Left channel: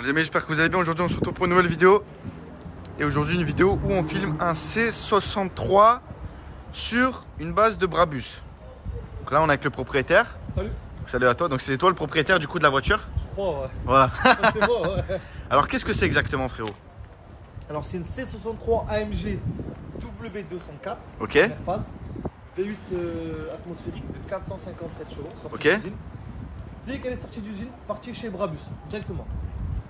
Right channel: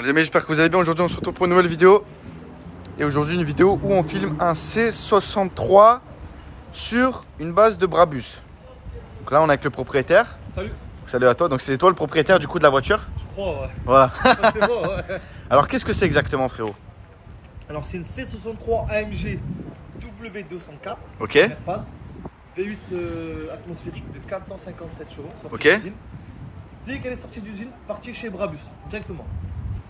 Bon les amis, j'espère que vous allez bien. Aujourd'hui on se retrouve pour une nouvelle vidéo. Et aujourd'hui une vidéo où on filme un C63 sur une base de Brabus. Donc là on est avec le propriétaire. Salut. Salut à toi. Donc c'est toi le propriétaire du coup de la voiture? Je crois, ouais. Voilà. C'est bon, ouais. Alors qu'est-ce que c'est exactement frérot? Alors c'est une C63 AMG W204. Ok. Première phase. V8 atmosphérique de 457 chevaux. Ok. D'usine. Dès qu'elle est sortie d'usine, partie chez Brabus, directement.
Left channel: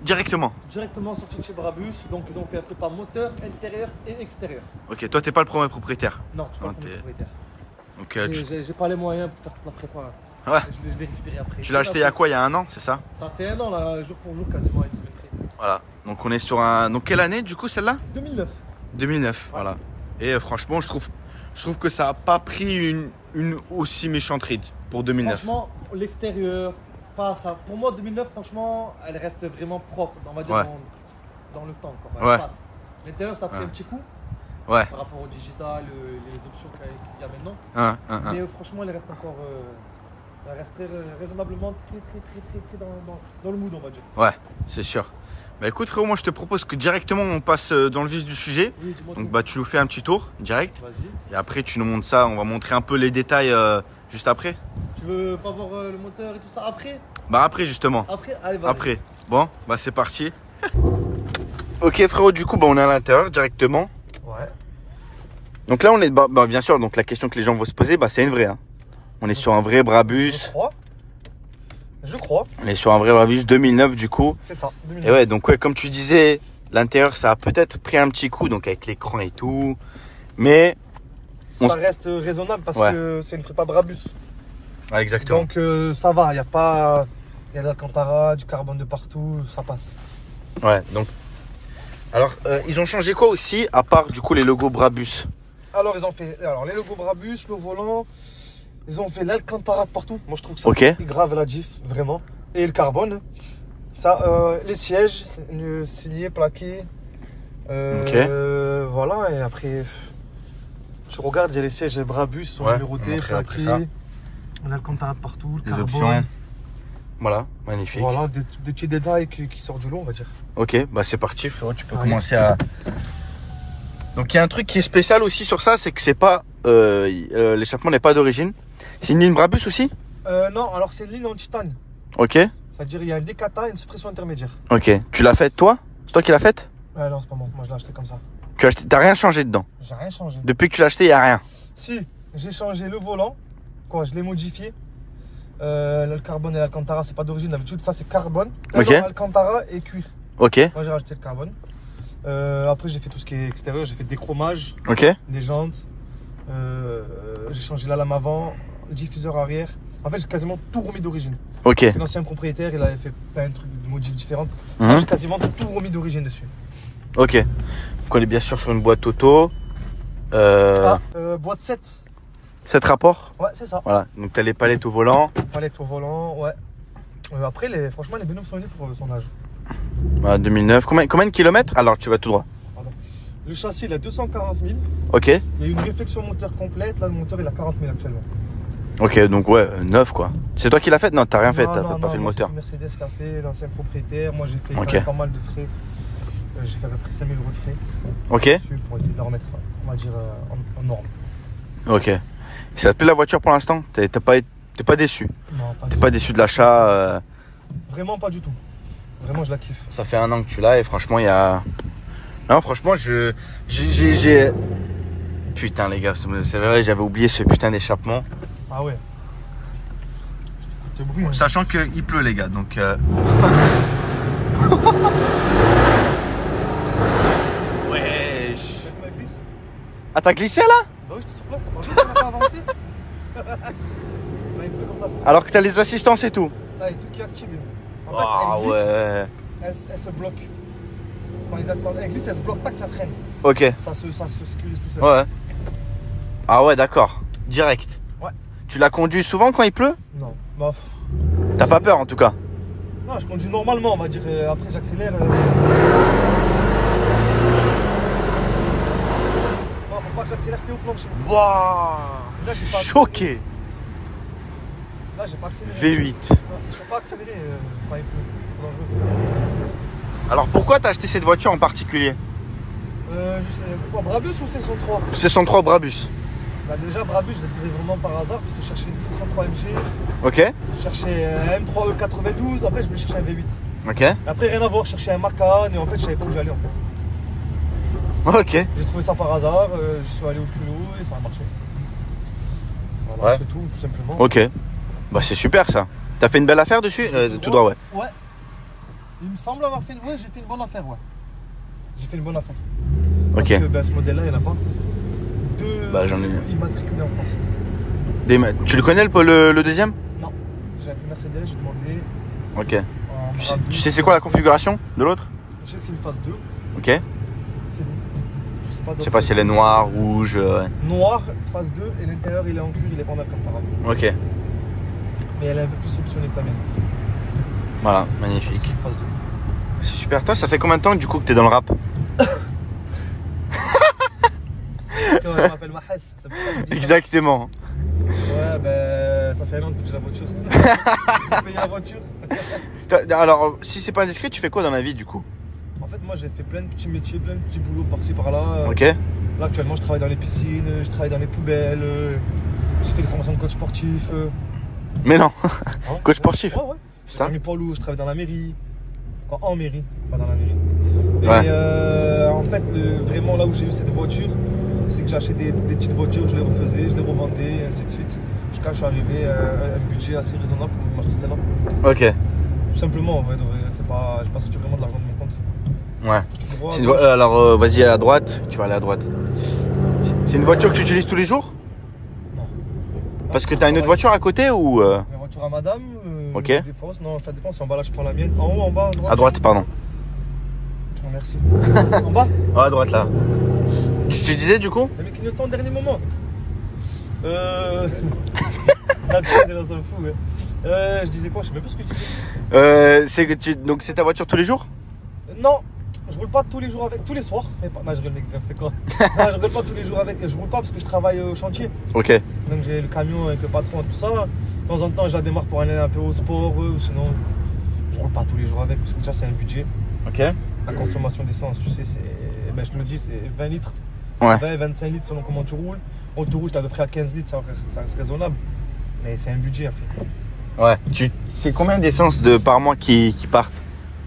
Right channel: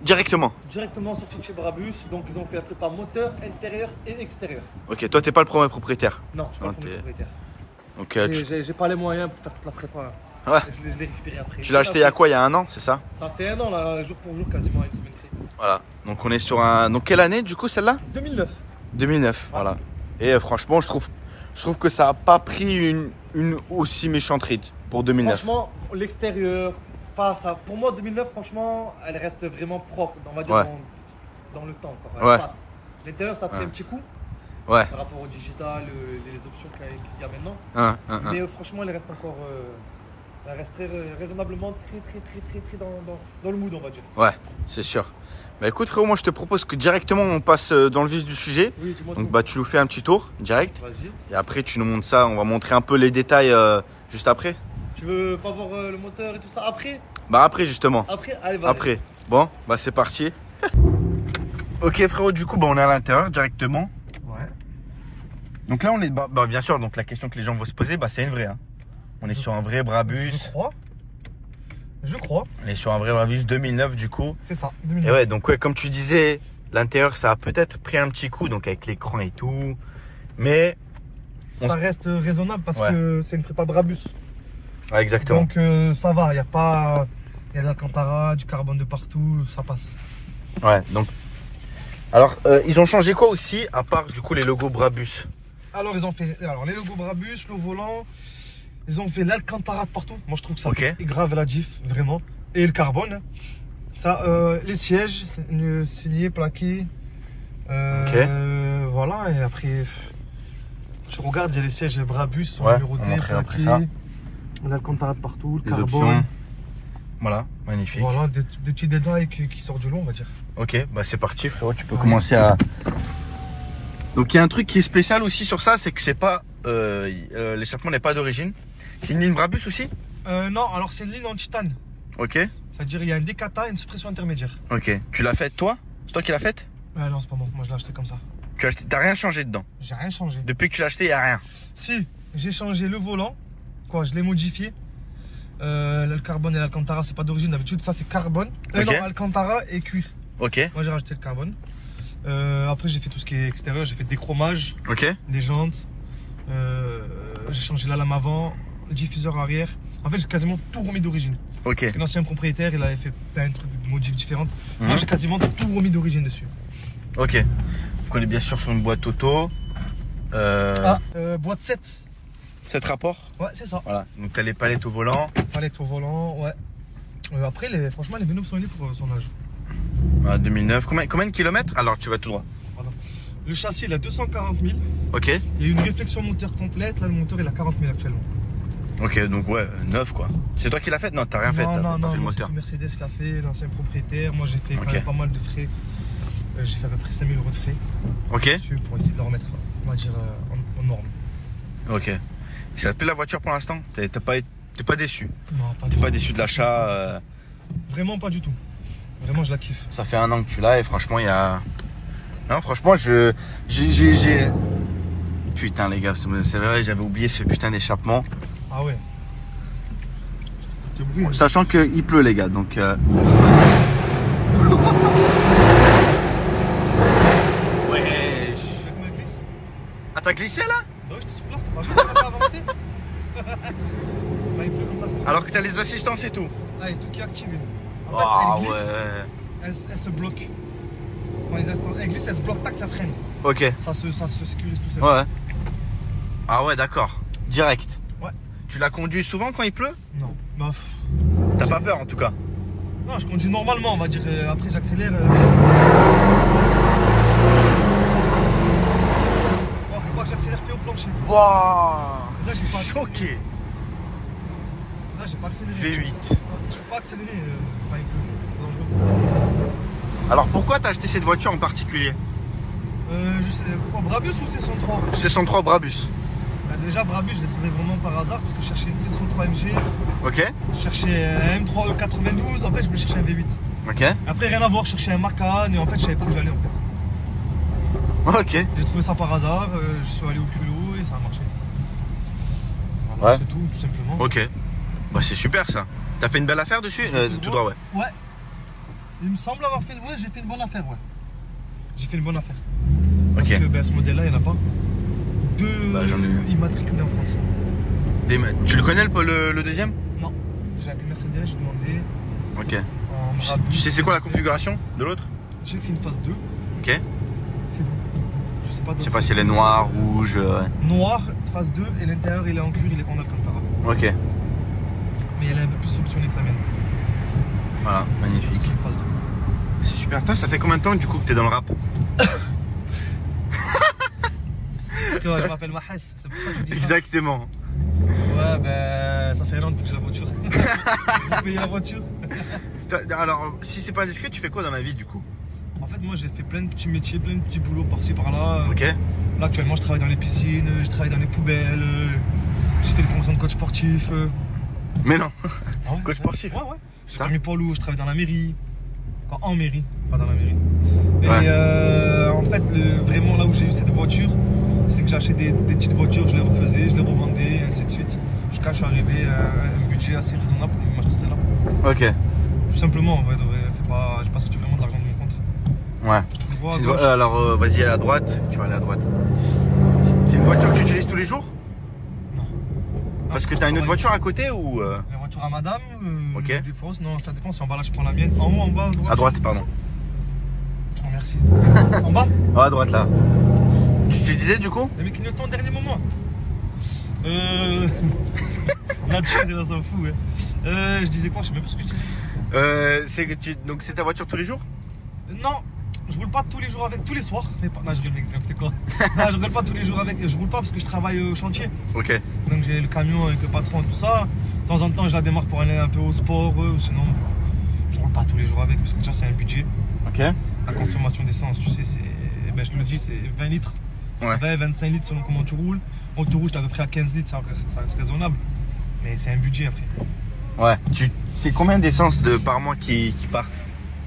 Directement sortie de chez Brabus. Donc ils ont fait un prépa moteur, intérieur et extérieur. Ok, toi t'es pas le premier propriétaire? Non, je suis pas le premier propriétaire. Donc J'ai pas les moyens pour faire toute la prépa. Hein. Ouais. Je l'ai récupéré après. Tu l'as acheté il y a quoi? Il y a un an, c'est ça? Ça fait un an là, jour pour jour, quasiment une semaine près. Voilà. Donc on est sur un... Donc quelle année du coup celle-là? 2009. 2009, voilà. Et franchement je trouve que ça a pas pris une aussi méchante ride pour 2009. Franchement, l'extérieur, pas ça. Pour moi, 2009, franchement, elle reste vraiment propre, on va dire, Ouais. dans le temps. Quoi. Ouais. Elle passe. L'intérieur, ça a pris un petit coup Ouais. par rapport au digital, les options qu'il y a maintenant. Mais Franchement, elle reste encore. Elle reste raisonnablement très dans le mood, on va dire. ouais, c'est sûr. Bah écoute frérot, moi je te propose que directement on passe dans le vif du sujet. Oui, dis-moi Donc tout. bah tu nous fais un petit tour direct. Vas-y. Et après tu nous montres ça, on va montrer un peu les détails juste après. Tu veux pas voir le moteur et tout ça après? Bah après justement. Après, allez, vas-y. Après. Bon, bah c'est parti. Ok frérot, du coup bah on est à l'intérieur directement. Ouais. Donc là on est, bah bien sûr, donc la question que les gens vont se poser, bah c'est une vraie. Hein. On est sur un vrai Brabus. Je crois. On est sur un vrai Brabus 2009 du coup. C'est ça. Et 2009. ouais, donc ouais, comme tu disais, l'intérieur ça a peut-être pris un petit coup, donc avec l'écran et tout. Mais Ça reste raisonnable parce Ouais. que c'est une prépa Brabus. ouais, exactement. Donc ça va, il y a pas. Il y a de l'Alcantara, du carbone de partout, ça passe. Ouais, donc. Alors, ils ont changé quoi aussi, à part du coup les logos Brabus? Alors ils ont fait les logos Brabus, le volant, ils ont fait l'Alcantara de partout. Moi je trouve que ça Ok. fait grave la diff, vraiment. Et le carbone. Ça, les sièges, signés, plaqués. Ok. Voilà, et après, tu regardes, il y a les sièges Brabus, sont Ouais, numérotés, on va montrer après plaqués. ça. L'Alcantara de partout, le Les carbone. options. Voilà, magnifique. Voilà, des petits détails qui sortent du lot, on va dire. Ok, bah c'est parti frérot, tu peux Ouais. commencer à... Donc il y a un truc qui est spécial aussi sur ça, c'est que c'est pas... l'échappement n'est pas d'origine. C'est une ligne Brabus aussi? Non, alors c'est une ligne en titane. Ok, C'est-à-dire il y a un décata et une suppression intermédiaire. ok. Tu l'as faite toi? C'est toi qui l'as faite? Non, c'est pas moi. Moi, je l'ai acheté comme ça. Tu as acheté... T'as rien changé dedans? J'ai rien changé. Depuis que tu l'as acheté, il n'y a rien? Si, j'ai changé le volant. Quoi, je l'ai modifié. Le carbone et l'Alcantara, c'est pas d'origine. D'habitude, ça, c'est carbone. Ok. Non, Alcantara et cuir. Ok, Moi, j'ai rajouté le carbone. Après, j'ai fait tout ce qui est extérieur. J'ai fait des chromages, ok, des jantes. J'ai changé la lame avant, le diffuseur arrière. En fait, j'ai quasiment tout remis d'origine. ok. L'ancien propriétaire, il avait fait plein de trucs, de modifs différentes. Mhm. Moi, j'ai quasiment tout remis d'origine dessus. Ok. Donc on est bien sûr sur une boîte auto. Boîte 7. 7 rapports. Ouais, c'est ça. Voilà. Donc t'as les palettes au volant. Palette au volant, ouais. Après, franchement, les binômes sont unis pour son âge. Voilà, 2009. Combien de kilomètres? Alors tu vas tout droit. Pardon. Le châssis, il a 240 000. Ok. Il y a une réflexion moteur complète. Là, le moteur, il a 40 000 actuellement. Ok, donc ouais, 9 quoi. C'est toi qui l'as fait? Non, t'as rien fait, t'as pas fait le moteur. C'est Mercedes qui a fait, l'ancien propriétaire. Moi, j'ai fait quand Ok. même pas mal de frais. J'ai fait à peu près 5 000 € de frais. Ok. Dessus pour essayer de la remettre, on va dire, en norme. Ok. Ça te plaît la voiture pour l'instant? T'es pas déçu? Non, pas du T'es tout. pas déçu de l'achat? Vraiment pas du tout. Vraiment, je la kiffe. Ça fait un an que tu l'as et franchement, il y a... Non, franchement, j'ai... Putain les gars, c'est vrai, j'avais oublié ce putain d'échappement. Ah ouais. Te brûle. Sachant qu'il pleut les gars, donc... Ouais. Ah t'as glissé là? Bah oui, j'étais sur place, t'as pas vu, t'as pas avancé. Là, il pleut comme ça, c'est trop. Alors que t'as les assistances et tout? Là, il y a tout qui est activé. En fait, Ah elle glisse, ouais. elle se bloque. Quand les instants, elle glisse, elle se bloque, tac, ça freine. Ok. Ça se sécurise tout seul. Ouais. Ah ouais, d'accord. Direct. Ouais. Tu la conduis souvent quand il pleut? Non. Bah, T'as pas peur en tout cas? non, je conduis normalement, on va dire. Après, j'accélère. Bon, faut pas que j'accélère que au plancher. Waouh. Là, j'ai pas Choqué. Là, j'ai pas accéléré. V8. Je peux pas accélérer quand il pleut. C'est dangereux. Alors pourquoi t'as acheté cette voiture en particulier? Je sais, quoi, Brabus ou C103? C103 Brabus. Bah déjà Brabus, je l'ai trouvé vraiment par hasard parce que je cherchais une C103 MG. Ok. Je cherchais un M3 92, en fait je me cherchais un V8. Ok. Après rien à voir, je cherchais un Macan et en fait je savais pas où j'allais en fait. Ok. J'ai trouvé ça par hasard, je suis allé au culot et ça a marché. Voilà, Ouais. c'est tout simplement. Ok. Bah c'est super ça. T'as fait une belle affaire dessus tout droit, ouais. Ouais. Il me semble avoir fait... Ouais, j'ai fait une bonne affaire, ouais. J'ai fait une bonne affaire. Ok. Parce que ben, ce modèle-là, il n'y en a pas. Deux Bah, j'en ai eu. immatriculés en France. Tu le connais le deuxième? Non. Si j'avais pris Mercedes, j'ai demandé... Ok. en Tu sais c'est quoi la configuration de l'autre? Je sais que c'est une phase 2. Ok. C'est tout. Je sais pas Je d'autre. sais pas si elle est noire, rouge. Noir, phase 2, et l'intérieur, il est en cuir, il est en Alcantara. Ok. Mais elle est un peu plus solutionnée que la mienne. Voilà, C'est magnifique. une phase 2. C'est super. Toi, ça fait combien de temps du coup que t'es dans le rap? Je m'appelle Mahes, c'est pour ça que je dis ça. Exactement. Ouais, ben ça fait un an depuis que j'ai la voiture. J'ai payé la voiture. Alors, si c'est pas indiscret, tu fais quoi dans la vie du coup? En fait, moi j'ai fait plein de petits métiers, plein de petits boulots par-ci par-là. Ok. Là, actuellement, je travaille dans les piscines, je travaille dans les poubelles, j'ai fait des formations de coach sportif. Mais non. Ah ouais, Coach ouais. sportif. Ouais, ouais. J'ai Ça permis poids lourd, je travaille dans la mairie. Enfin, en mairie, pas dans la mairie. Et Ouais. en fait, vraiment là où j'ai eu cette voiture, c'est que j'ai acheté des petites voitures, je les refaisais, je les revendais, ainsi de suite. Jusqu'à ce que je suis arrivé à un budget assez raisonnable pour m'acheter celle-là. Ok. Tout simplement, en vrai, c'est pas, j'ai pas sorti vraiment de l'argent de mon compte. Ouais. Droit, C'est une gauche. alors, vas-y à droite. Tu vas aller à droite. C'est une voiture que tu utilises tous les jours? Non. Parce que t'as une autre voiture à côté ou La voiture à madame, Ok. des fausses, non, ça dépend si en bas là je prends la mienne. En haut, en bas, à droite. À droite, pardon. Oh, merci. En bas? Ouais, à droite là. Tu disais du coup? Le mec clignotant au dernier moment. Nature, il s'en fout, ouais. Je disais quoi? Je sais même pas ce que je disais. C'est que donc c'est ta voiture tous les jours? Non, je roule pas tous les jours avec, tous les soirs. Mais pas... Non, je rigole, mec, c'est quoi? Non, je roule pas tous les jours avec, je roule pas parce que je travaille au chantier. Ok. Donc j'ai le camion avec le patron et tout ça. De temps en temps, je la démarre pour aller un peu au sport, sinon je roule pas tous les jours avec parce que déjà c'est un budget. Ok. La consommation d'essence, tu sais, c'est, ben, je le dis, c'est 20 litres. Ouais. 20-25 litres selon comment tu roules. Autoroute, à peu près à 15 litres, ça reste raisonnable. Mais c'est un budget après. Ouais. C'est combien d'essence par mois qui partent?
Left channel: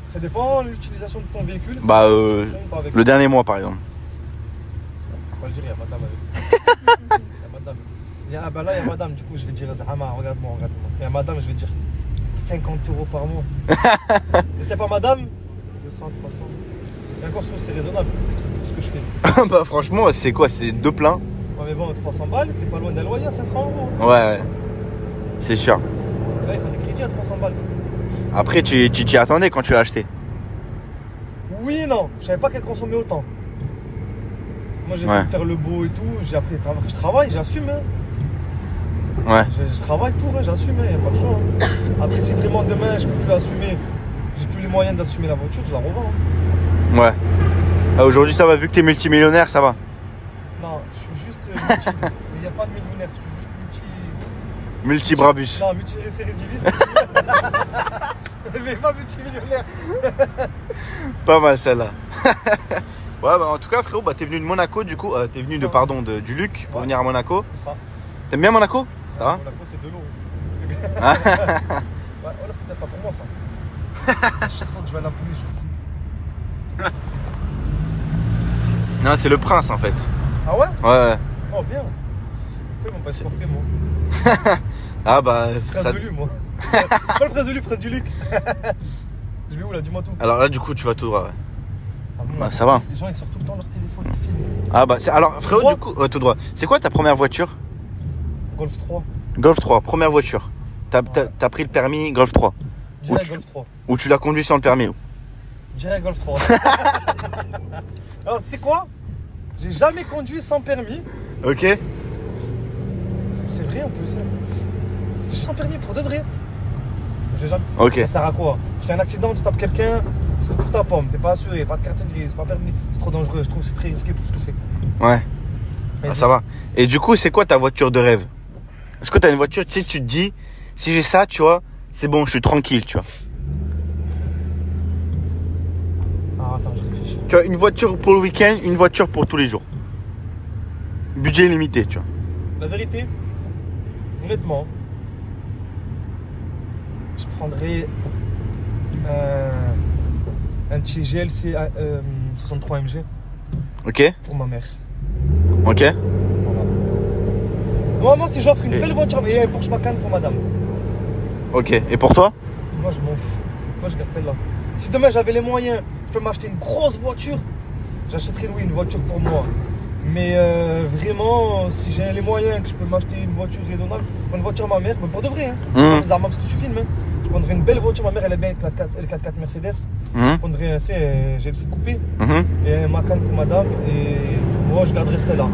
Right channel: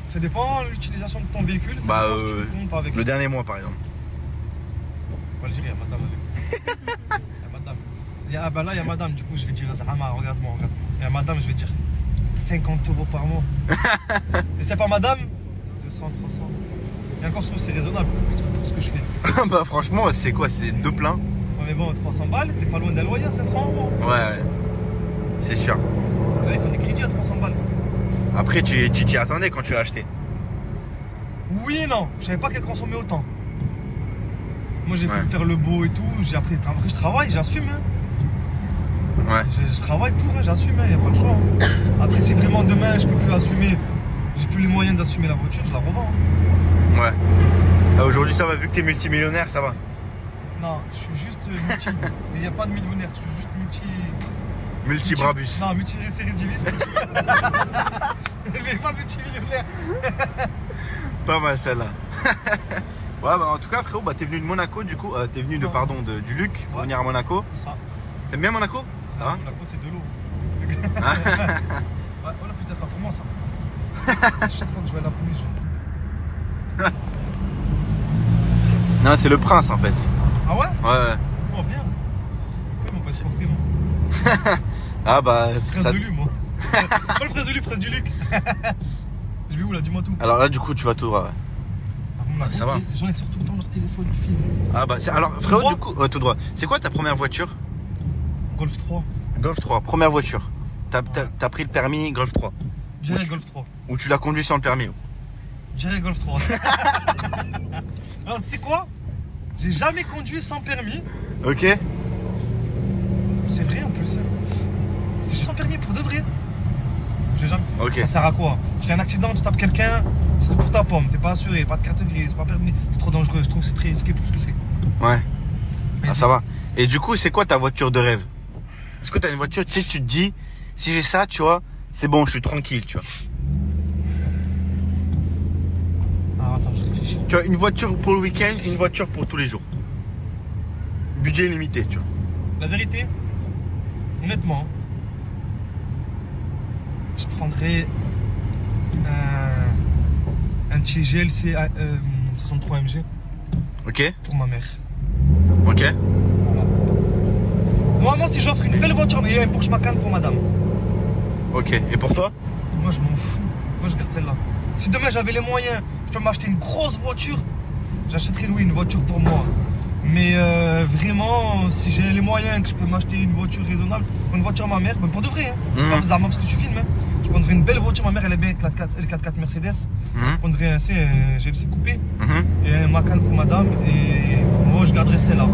Ça dépend de l'utilisation de ton véhicule. ça Bah, dépend si tu fonds pas avec. Le dernier mois par exemple. Faut le dire, il y a madame avec. Il y a madame. Ah bah là, il y a madame, du coup, je vais dire, Zahama, regarde-moi, regarde-moi. Il y a madame, je vais dire 50 € par mois. Et c'est pas madame 200, 300. Et encore, je trouve que c'est raisonnable pour ce que je fais. Bah franchement, c'est quoi? C'est deux pleins? Ouais, mais bon, 300 balles, t'es pas loin d'un loyer à 500 €. Ouais. C'est sûr. Et là, il faut des crédits à 300 balles. Après, tu t'y attendais quand tu l'as acheté? Oui et non, je savais pas qu'elle consommait autant. Moi, j'ai Ouais. fait faire le beau et tout, j'ai appris. Après, je travaille, j'assume. Hein. Ouais. Je travaille pour, hein, j'assume, il n'y a pas de choix. Hein. Après, si vraiment demain je peux plus assumer, j'ai plus les moyens d'assumer la voiture, je la revends. Hein. Ouais. Ah, aujourd'hui ça va, vu que t'es multimillionnaire, ça va. Non, je suis juste multi. Il n'y a pas de millionnaire, je suis juste multi. Multi-Brabus. Non, multi-récidiviste. Mais pas multimillionnaire. Pas mal celle-là. Ouais, bah en tout cas, frérot, bah, t'es venu de Monaco du coup. T'es venu du Luc pour Ouais. venir à Monaco. C'est ça. T'aimes bien Monaco? Ça va? Monaco, c'est de l'eau. Ah. Ouais, voilà, peut-être pas pour moi ça. À chaque fois que je vais à la police, je fume. Non, c'est le prince en fait. Ah ouais? Ouais. Oh bien. Pourquoi ils m'ont pas escorté moi? Ah bah Prince ça... de Lu, moi. Pas le prince de Lu, prince du Luc. Je vais où là? Dis-moi tout. Alors là du coup tu vas tout droit, ouais. Ah bon, Bah, ça va. Les gens ils sortent tout le temps leur téléphone, ils filment. Ah bah alors frérot droit du coup, tout droit. C'est quoi ta première voiture? Golf 3. Golf 3, première voiture. T'as pris le permis Golf 3. Dirais Golf 3. Ou tu l'as conduit sans le permis? Dirais Golf 3. Alors tu sais quoi? J'ai jamais conduit sans permis. Ok. C'est vrai en plus. C'est sans permis pour de vrai. J'ai jamais. Ok. Ça sert à quoi? Tu fais un accident, tu tapes quelqu'un, c'est pour ta pomme, t'es pas assuré, pas de carte grise, c'est pas permis, c'est trop dangereux, je trouve que c'est très risqué pour ce que c'est. Ouais. Ah, ça va. Et du coup, c'est quoi ta voiture de rêve? Est-ce que t'as une voiture, tu sais, tu te dis, si j'ai ça, tu vois, c'est bon, je suis tranquille, tu vois. Tu vois, une voiture pour le week-end, une voiture pour tous les jours. Budget limité, tu vois. La vérité, honnêtement, je prendrais un petit GLC 63 MG Ok. pour ma mère. Ok. Voilà. Normalement, si j'offre une belle voiture et un Porsche Macan pour madame, Ok. Et pour toi? moi je m'en fous. Moi je garde celle-là. Si demain j'avais les moyens, je peux m'acheter une grosse voiture, j'achèterais oui une voiture pour moi. Mais vraiment, si j'ai les moyens que je peux m'acheter une voiture raisonnable, une voiture à ma mère, mais pour de vrai, hein, pas bizarrement parce que tu filmes, hein, je prendrais une belle voiture, ma mère elle est bien avec le 4x4 Mercedes, je prendrais un GLC coupé et un Macan pour madame et moi je garderais celle-là.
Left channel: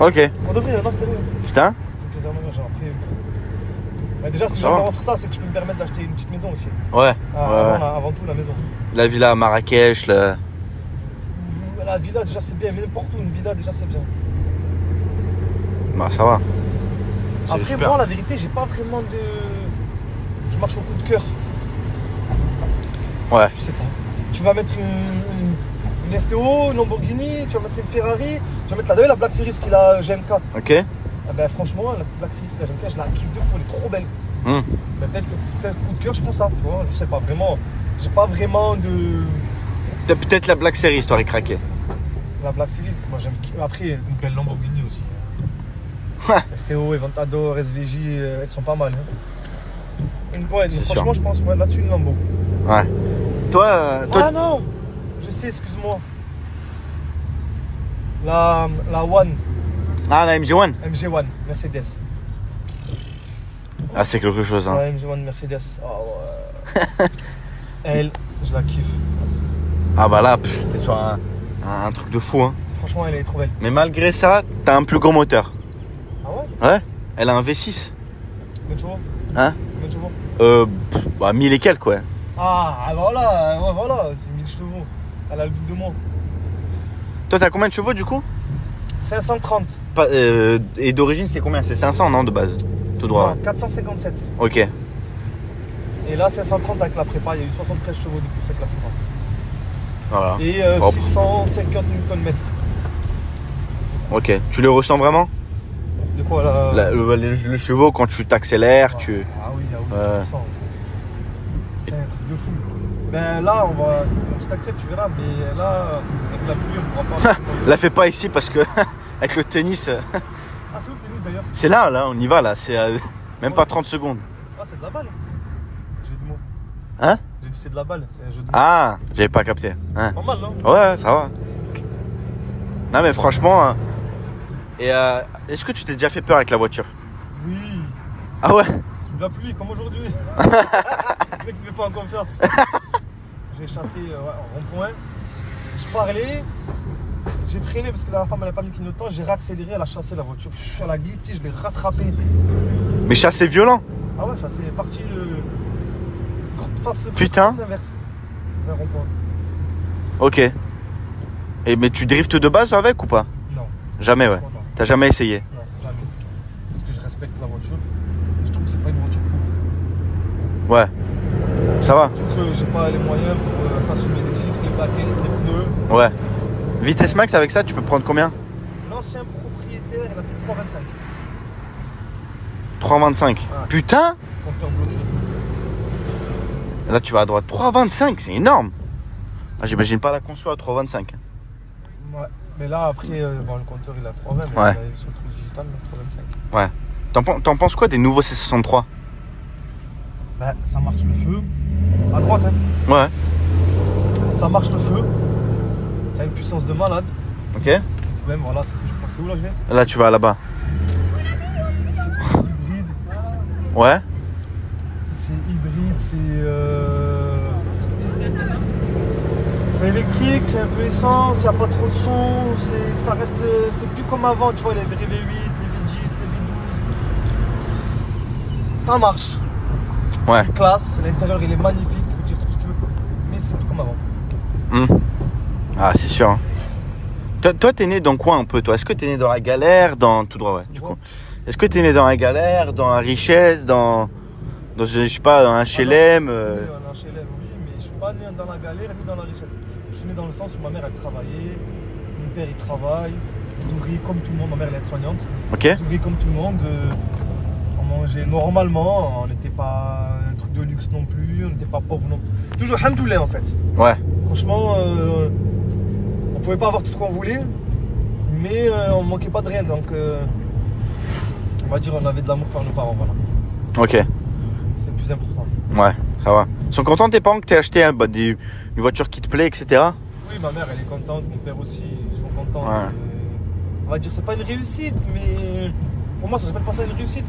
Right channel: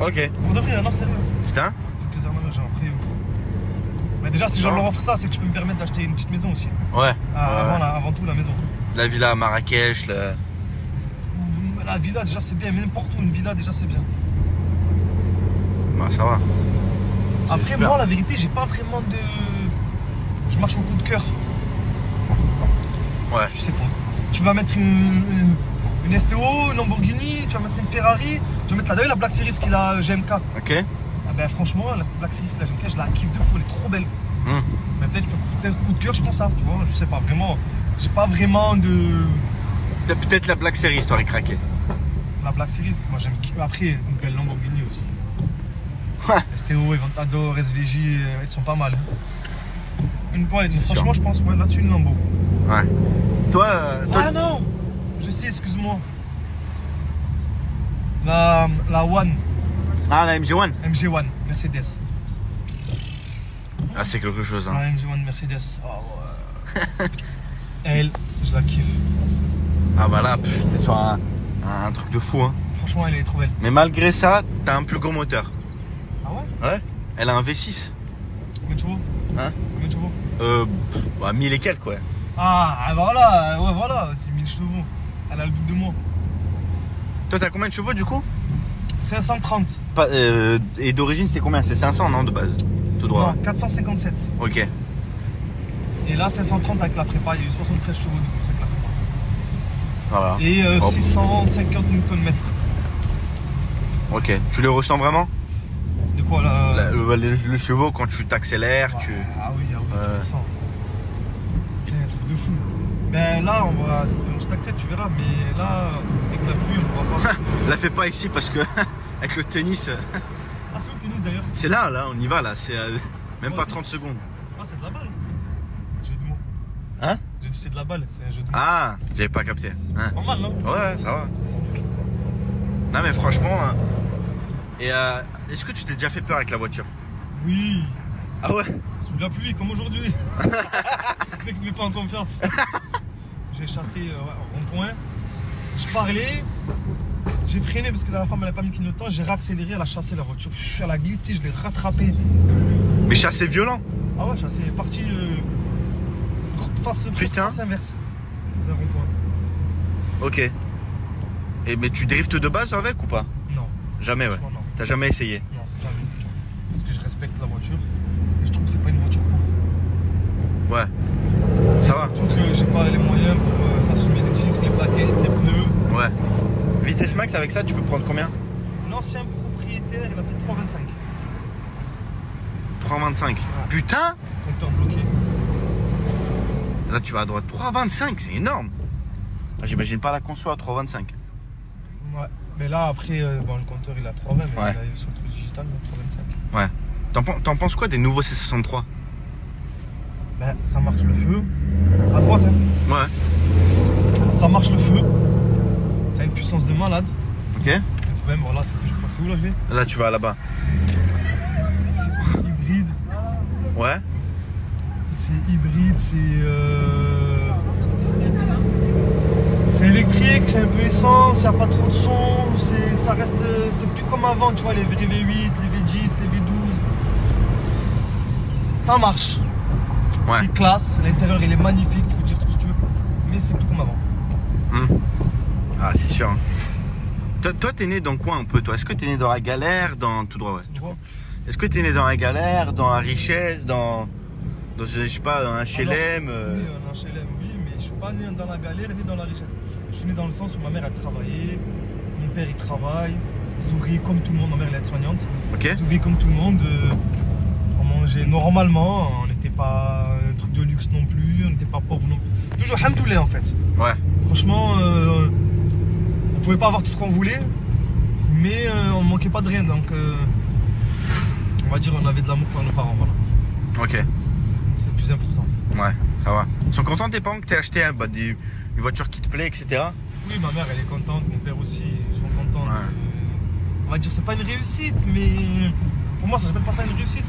Ok. Pour de vrai, non sérieux. Putain. C'est plaisir ma mère, genre après. Mais déjà si je leur offre ça, c'est que je peux me permettre d'acheter une petite maison aussi. Ouais. Avant tout la maison. La villa à Marrakech, La villa déjà c'est bien, mais n'importe où une villa déjà c'est bien. Bah ça va. Après super. moi la vérité j'ai pas vraiment de... Je marche au coup de cœur. Ouais. Je sais pas. Tu vas mettre une STO, une Lamborghini, tu vas mettre une Ferrari, tu vas mettre la Black Series qu'il a GMK. Ok. Ah ben franchement la Black Series qu'il a GMK je la kiffe de fou, elle est trop belle. Mais peut-être coup de cœur je prends ça, tu vois, je sais pas vraiment. J'ai pas vraiment de... Peut-être la Black Series t'aurais craqué. La Black Series, moi j'aime. Après, une belle Lamborghini aussi. Ouais. STO, Aventador, SVJ, elles sont pas mal. Hein. Ouais, franchement, sûr. je pense là-dessus une Lambo. Ouais. Toi, Ah non. Je sais, excuse-moi. La One, Ah, la MG1. MG1, Mercedes. Ah, c'est quelque chose, hein. La MG1 Mercedes. Oh, ouais. Elle, je la kiffe. Ah bah là, t'es sur un truc de fou, hein. Franchement, elle est trop belle. Mais malgré ça, t'as un plus gros moteur. Ah ouais? Ouais. Elle a un V6. Combien de chevaux? Hein? Combien de chevaux? Bah 1000 et quelques, ouais. Ah, voilà, ouais, voilà, c'est 1000 chevaux. Elle a le double de moi. Toi, t'as combien de chevaux du coup? 530. Et d'origine, c'est combien? C'est 500, non, de base? Tout droit. Non, 457. Ok. Et là, 530 avec la prépa, il y a eu 73 chevaux de plus avec la prépa. Voilà. Et Hop. 650 Nm. Ok. Tu les ressens vraiment? De quoi là Le chevaux, quand tu t'accélères, Ah oui, tu le sens. C'est un truc de fou. Ben là, on va. Je t'accepte, tu verras, mais là, avec la pluie, on pourra pas. La fais pas ici parce que avec le tennis, Ah, c'est où le tennis d'ailleurs? c'est là, on y va là. C'est même pas 30 secondes. Ah, c'est de la balle. Jeu de mots. Hein? J'ai dit c'est de la balle, c'est un jeu de mots. Ah, j'avais pas capté. Hein. Normal, non? Ouais, ça va. Non mais franchement, est-ce que tu t'es déjà fait peur avec la voiture? Oui. Ah ouais? Sous la pluie, comme aujourd'hui. Le mec ne met pas en confiance. J'ai chassé en rond-point. Je parlais. J'ai freiné parce que la femme elle n'a pas mis clignotant. J'ai raccéléré, elle a chassé la voiture. Elle a glissé, je l'ai rattrapé. Mais chassé violent. Ah ouais, chassé est parti face Putain. inverse. C'est un rond-point. Ok. Mais tu driftes de base avec ou pas? Non. Jamais, ouais. Franchement, non. T'as jamais essayé? Non, jamais. Parce que je respecte la voiture. Et je trouve que c'est pas une voiture pour. Ouais. Ça va? Surtout que j'ai pas les moyens pour assumer les disques, les plaquettes, les pneus. Ouais. Vitesse max avec ça, tu peux prendre combien? L'ancien propriétaire, il a pris 3,25. 3,25. Ah. Putain! Compteur bloqué. Là, tu vas à droite. 3,25, c'est énorme. Ah, j'imagine pas la conso à 3,25. Ouais. Mais là, après, bon, le compteur il a 3,20, mais Ouais. il est sur le truc digital, donc 3,25. Ouais. T'en penses quoi des nouveaux C63? Bah, ça marche le feu. À droite, hein. Ouais. Ça marche le feu. Ça a une puissance de malade. Ok. Le problème, voilà, c'est toujours pas. C'est où là je vais? Là, tu vas là-bas. C'est hybride. Ouais. C'est hybride, c'est électrique, c'est un peu essence, il n'y a pas trop de son, ça reste, c'est plus comme avant, tu vois, les V8, les V10, les V12, ça marche. Ouais. C'est classe, l'intérieur il est magnifique, tu peux dire tout ce que tu veux, mais c'est plus comme avant. Ah, c'est sûr. Hein. Toi, t'es né dans quoi un peu, toi? Est-ce que t'es né dans la galère, dans tout droit, ouais, du coup. Est-ce que t'es né dans la galère, dans la richesse, dans je sais pas, dans un HLM Oui, un HLM, oui, mais je suis pas né dans la galère ni dans la richesse. Je suis né dans le sens où ma mère elle travaillait, mon père il travaille, ils ouvriers comme tout le monde, ma mère elle est aide-soignante. Ok. Ils ouvriers comme tout le monde, on mangeait normalement, on n'était pas un truc de luxe non plus, on n'était pas pauvre non plus. Toujours hamdoulilah en fait. Ouais. Franchement, on pouvait pas avoir tout ce qu'on voulait, mais on manquait pas de rien, donc on va dire on avait de l'amour par nos parents, voilà. Ok. C'est le plus important. Ouais, ça va. Ils sont contents tes parents que t'aies acheté une voiture qui te plaît, etc. Oui, ma mère elle est contente, mon père aussi, ils sont contents. Ouais. On va dire c'est pas une réussite, mais pour moi ça s'appelle pas ça une réussite.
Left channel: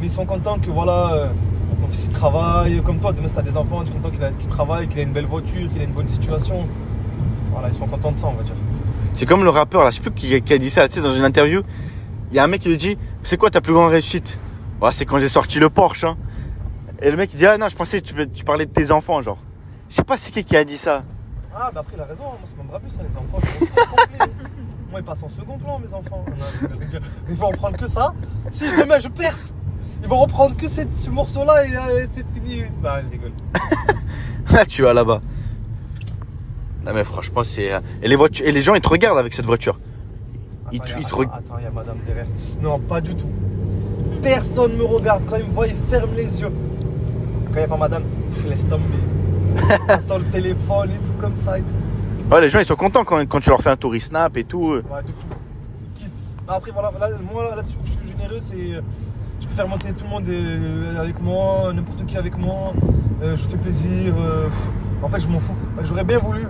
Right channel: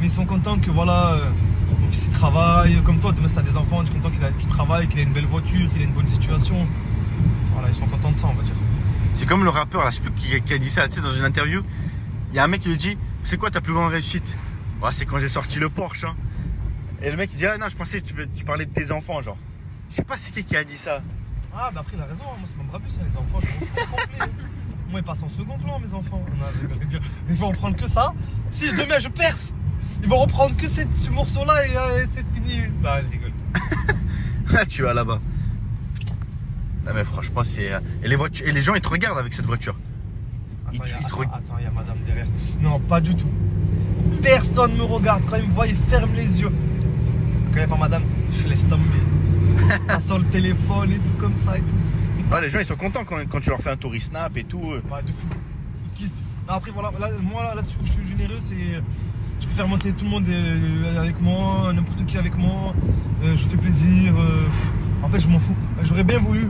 Mais ils sont contents que voilà, mon fils il travaille, comme toi, demain si t'as des enfants, je suis content qu'il travaille, qu'il ait une belle voiture, qu'il ait une bonne situation. Voilà, ils sont contents de ça, on va dire. C'est comme le rappeur, là, je sais plus qui a dit ça, tu sais, dans une interview. Il y a un mec qui lui dit, c'est quoi ta plus grande réussite? Ouais, c'est quand j'ai sorti le Porsche, hein. Et le mec il dit, ah non, je pensais que tu parlais de tes enfants, genre. Je sais pas c'est qui a dit ça. Ah bah après il a raison, moi c'est mon brabus, hein, les enfants, je m'en fous complet. Moi ils passent en second plan mes enfants. Ils vont reprendre que ça. Si demain je perce, ils vont reprendre que ce morceau-là et c'est fini. Bah je rigole. Là tu vas là-bas. Non mais franchement c'est... Et les gens ils te regardent avec cette voiture. Attends, il y a madame derrière. Non, pas du tout. Personne me regarde. Quand ils me voient, ils ferment les yeux. Quand il n'y a pas madame, je laisse tomber. Sur le téléphone et tout comme ça et tout. Ouais, les gens ils sont contents quand tu leur fais un tour, ils snap et tout. Ouais, de fou. Ils kiffent. Après, voilà, moi là-dessus, je suis généreux, c'est. Je peux faire monter tout le monde avec moi, n'importe qui avec moi. Je fais plaisir. En fait, je m'en fous. J'aurais bien voulu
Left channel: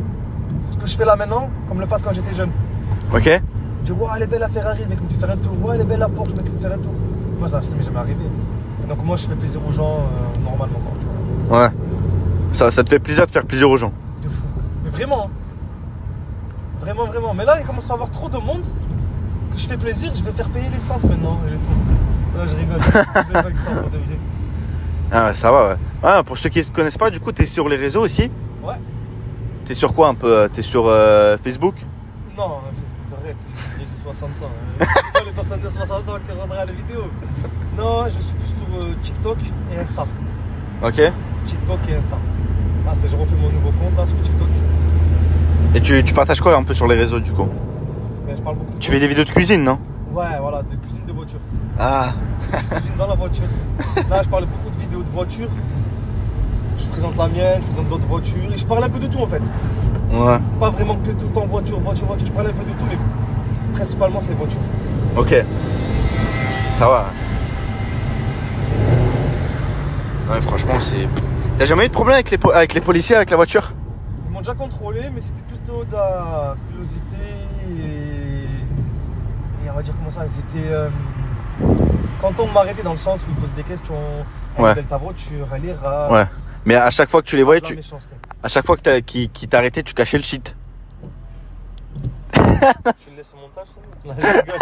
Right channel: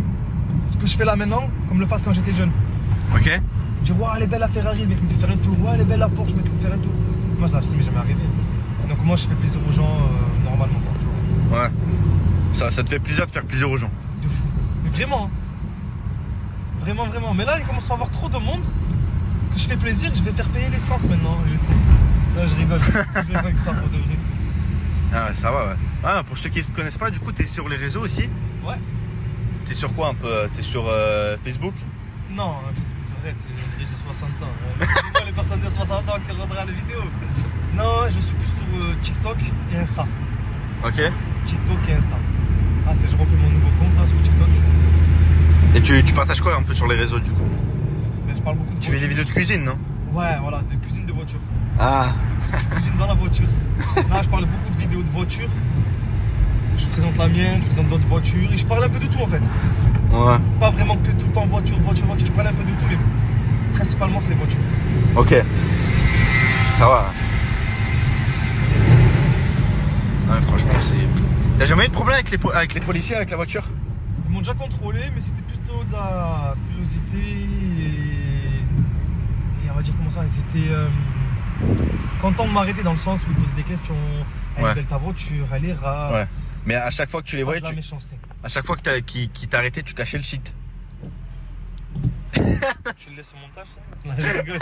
ce que je fais là maintenant, comme le fasse quand j'étais jeune. Ok. Je dis, ouais, elle est belle la Ferrari, le mec me fait faire un tour. Ouais, elle est belle la Porsche, le mec me fait faire un tour. Moi, ça m'est jamais arrivé. Donc, moi, je fais plaisir aux gens normalement. Quoi, tu vois. Ouais. Ça te fait plaisir de faire plaisir aux gens. De fou. Mais vraiment. Hein. Vraiment, vraiment. Mais là, il commence à avoir trop de monde que je fais plaisir, je vais faire payer l'essence maintenant. Non, je rigole. Je vais pas y croire pour de vrai. Ah, ça va, ouais. Ah, pour ceux qui ne te connaissent pas, du coup, t'es sur les réseaux aussi? Ouais. T'es sur quoi un peu? T'es sur Facebook? Non, Facebook, arrête. J'ai 60 ans. Hein. Les personnes de 60 ans qui regarderaient la vidéo. Non, je suis plus sur TikTok et Insta. Ok. TikTok et Insta. Ah, c'est je refais mon nouveau compte là sur TikTok. Et tu partages quoi un peu sur les réseaux du coup? Ben, je parle beaucoup de Tu fais des vidéos de cuisine, non? Ouais, voilà, de cuisine de voiture. Ah. Je cuisine dans la voiture. Là, je parle beaucoup de vidéos de voiture. Je présente la mienne, je présente d'autres voitures. Et je parle un peu de tout en fait. Ouais. Pas vraiment que tout le temps voiture. Je parle un peu de tout, mais principalement c'est voiture. Ok. Ça va. Ouais, franchement, c'est... T'as jamais eu de problème avec les policiers, avec la voiture? Ils m'ont déjà contrôlé, mais c'était plutôt de la curiosité et on va dire comment ça, ils étaient contents de m'arrêter dans le sens où ils posaient des questions. Ouais. Elle ta voiture, elle est rare. Ouais. Mais à chaque fois que tu les voyais, La méchanceté. à chaque fois que qu'ils t'arrêtaient, tu cachais le shit. Tu le laisses au montage, ça? Là, je rigole.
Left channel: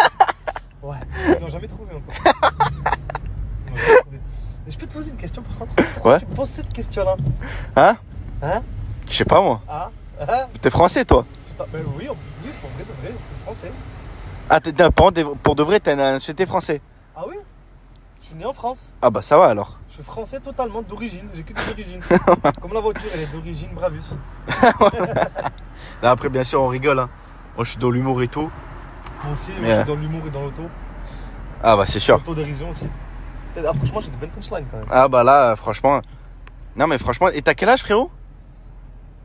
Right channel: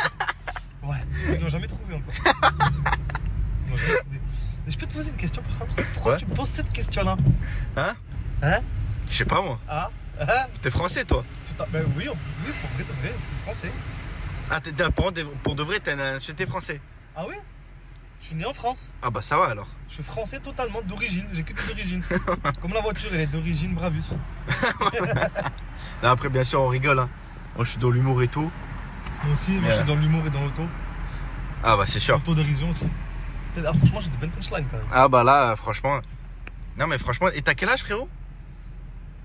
Ouais, ils l'ont jamais trouvé encore. Ils l'ont jamais trouvé. Mais je peux te poser une question par contre? Pourquoi tu me poses cette question-là? Hein? Hein? Je sais pas moi. Ah? Hein? T'es français toi? Ben oui, pour vrai, de vrai, je suis français. Ah, pour de vrai, t'as une nationalité français? Ah oui? Je suis né en France. Ah bah ça va alors. Je suis français totalement d'origine, j'ai que des origines. Comme la voiture, elle est d'origine Brabus. Là, après, bien sûr, on rigole. Hein. Moi, je suis dans l'humour et tout. Moi aussi, mais je suis dans l'humour et dans l'auto. Ah bah c'est sûr. L'autodérision aussi. Ah, franchement, j'ai des belles punchlines quand même. Ah bah là, franchement. Non mais franchement, et t'as quel âge frérot?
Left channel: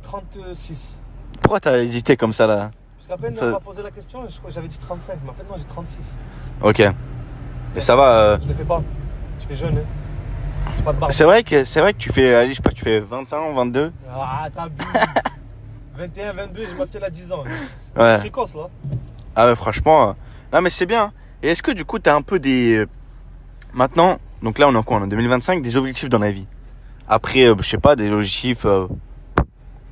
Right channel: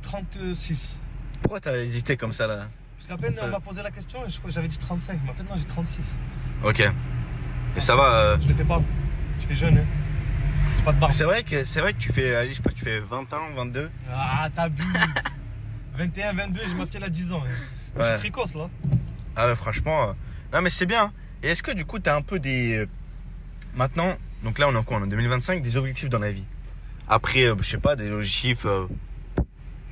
36. Pourquoi t'as hésité comme ça là? Parce qu'à peine on m'a posé la question, je crois que j'avais dit 35, mais en fait non, j'ai 36. Ok. Et ça va Je le fais pas. Je fais jeune, hein. J'ai pas de barbe. C'est vrai que tu fais, allez, je sais pas, tu fais 20 ans, 22. Ah, t'abuses. 21, 22, j'ai ma fille à 10 ans. Ouais. C'est précoce là. Ah mais franchement, non mais c'est bien. Et est-ce que du coup t'as un peu des... Maintenant, donc là on est en quoi? On est en 2025, des objectifs dans la vie. Après, je sais pas, des objectifs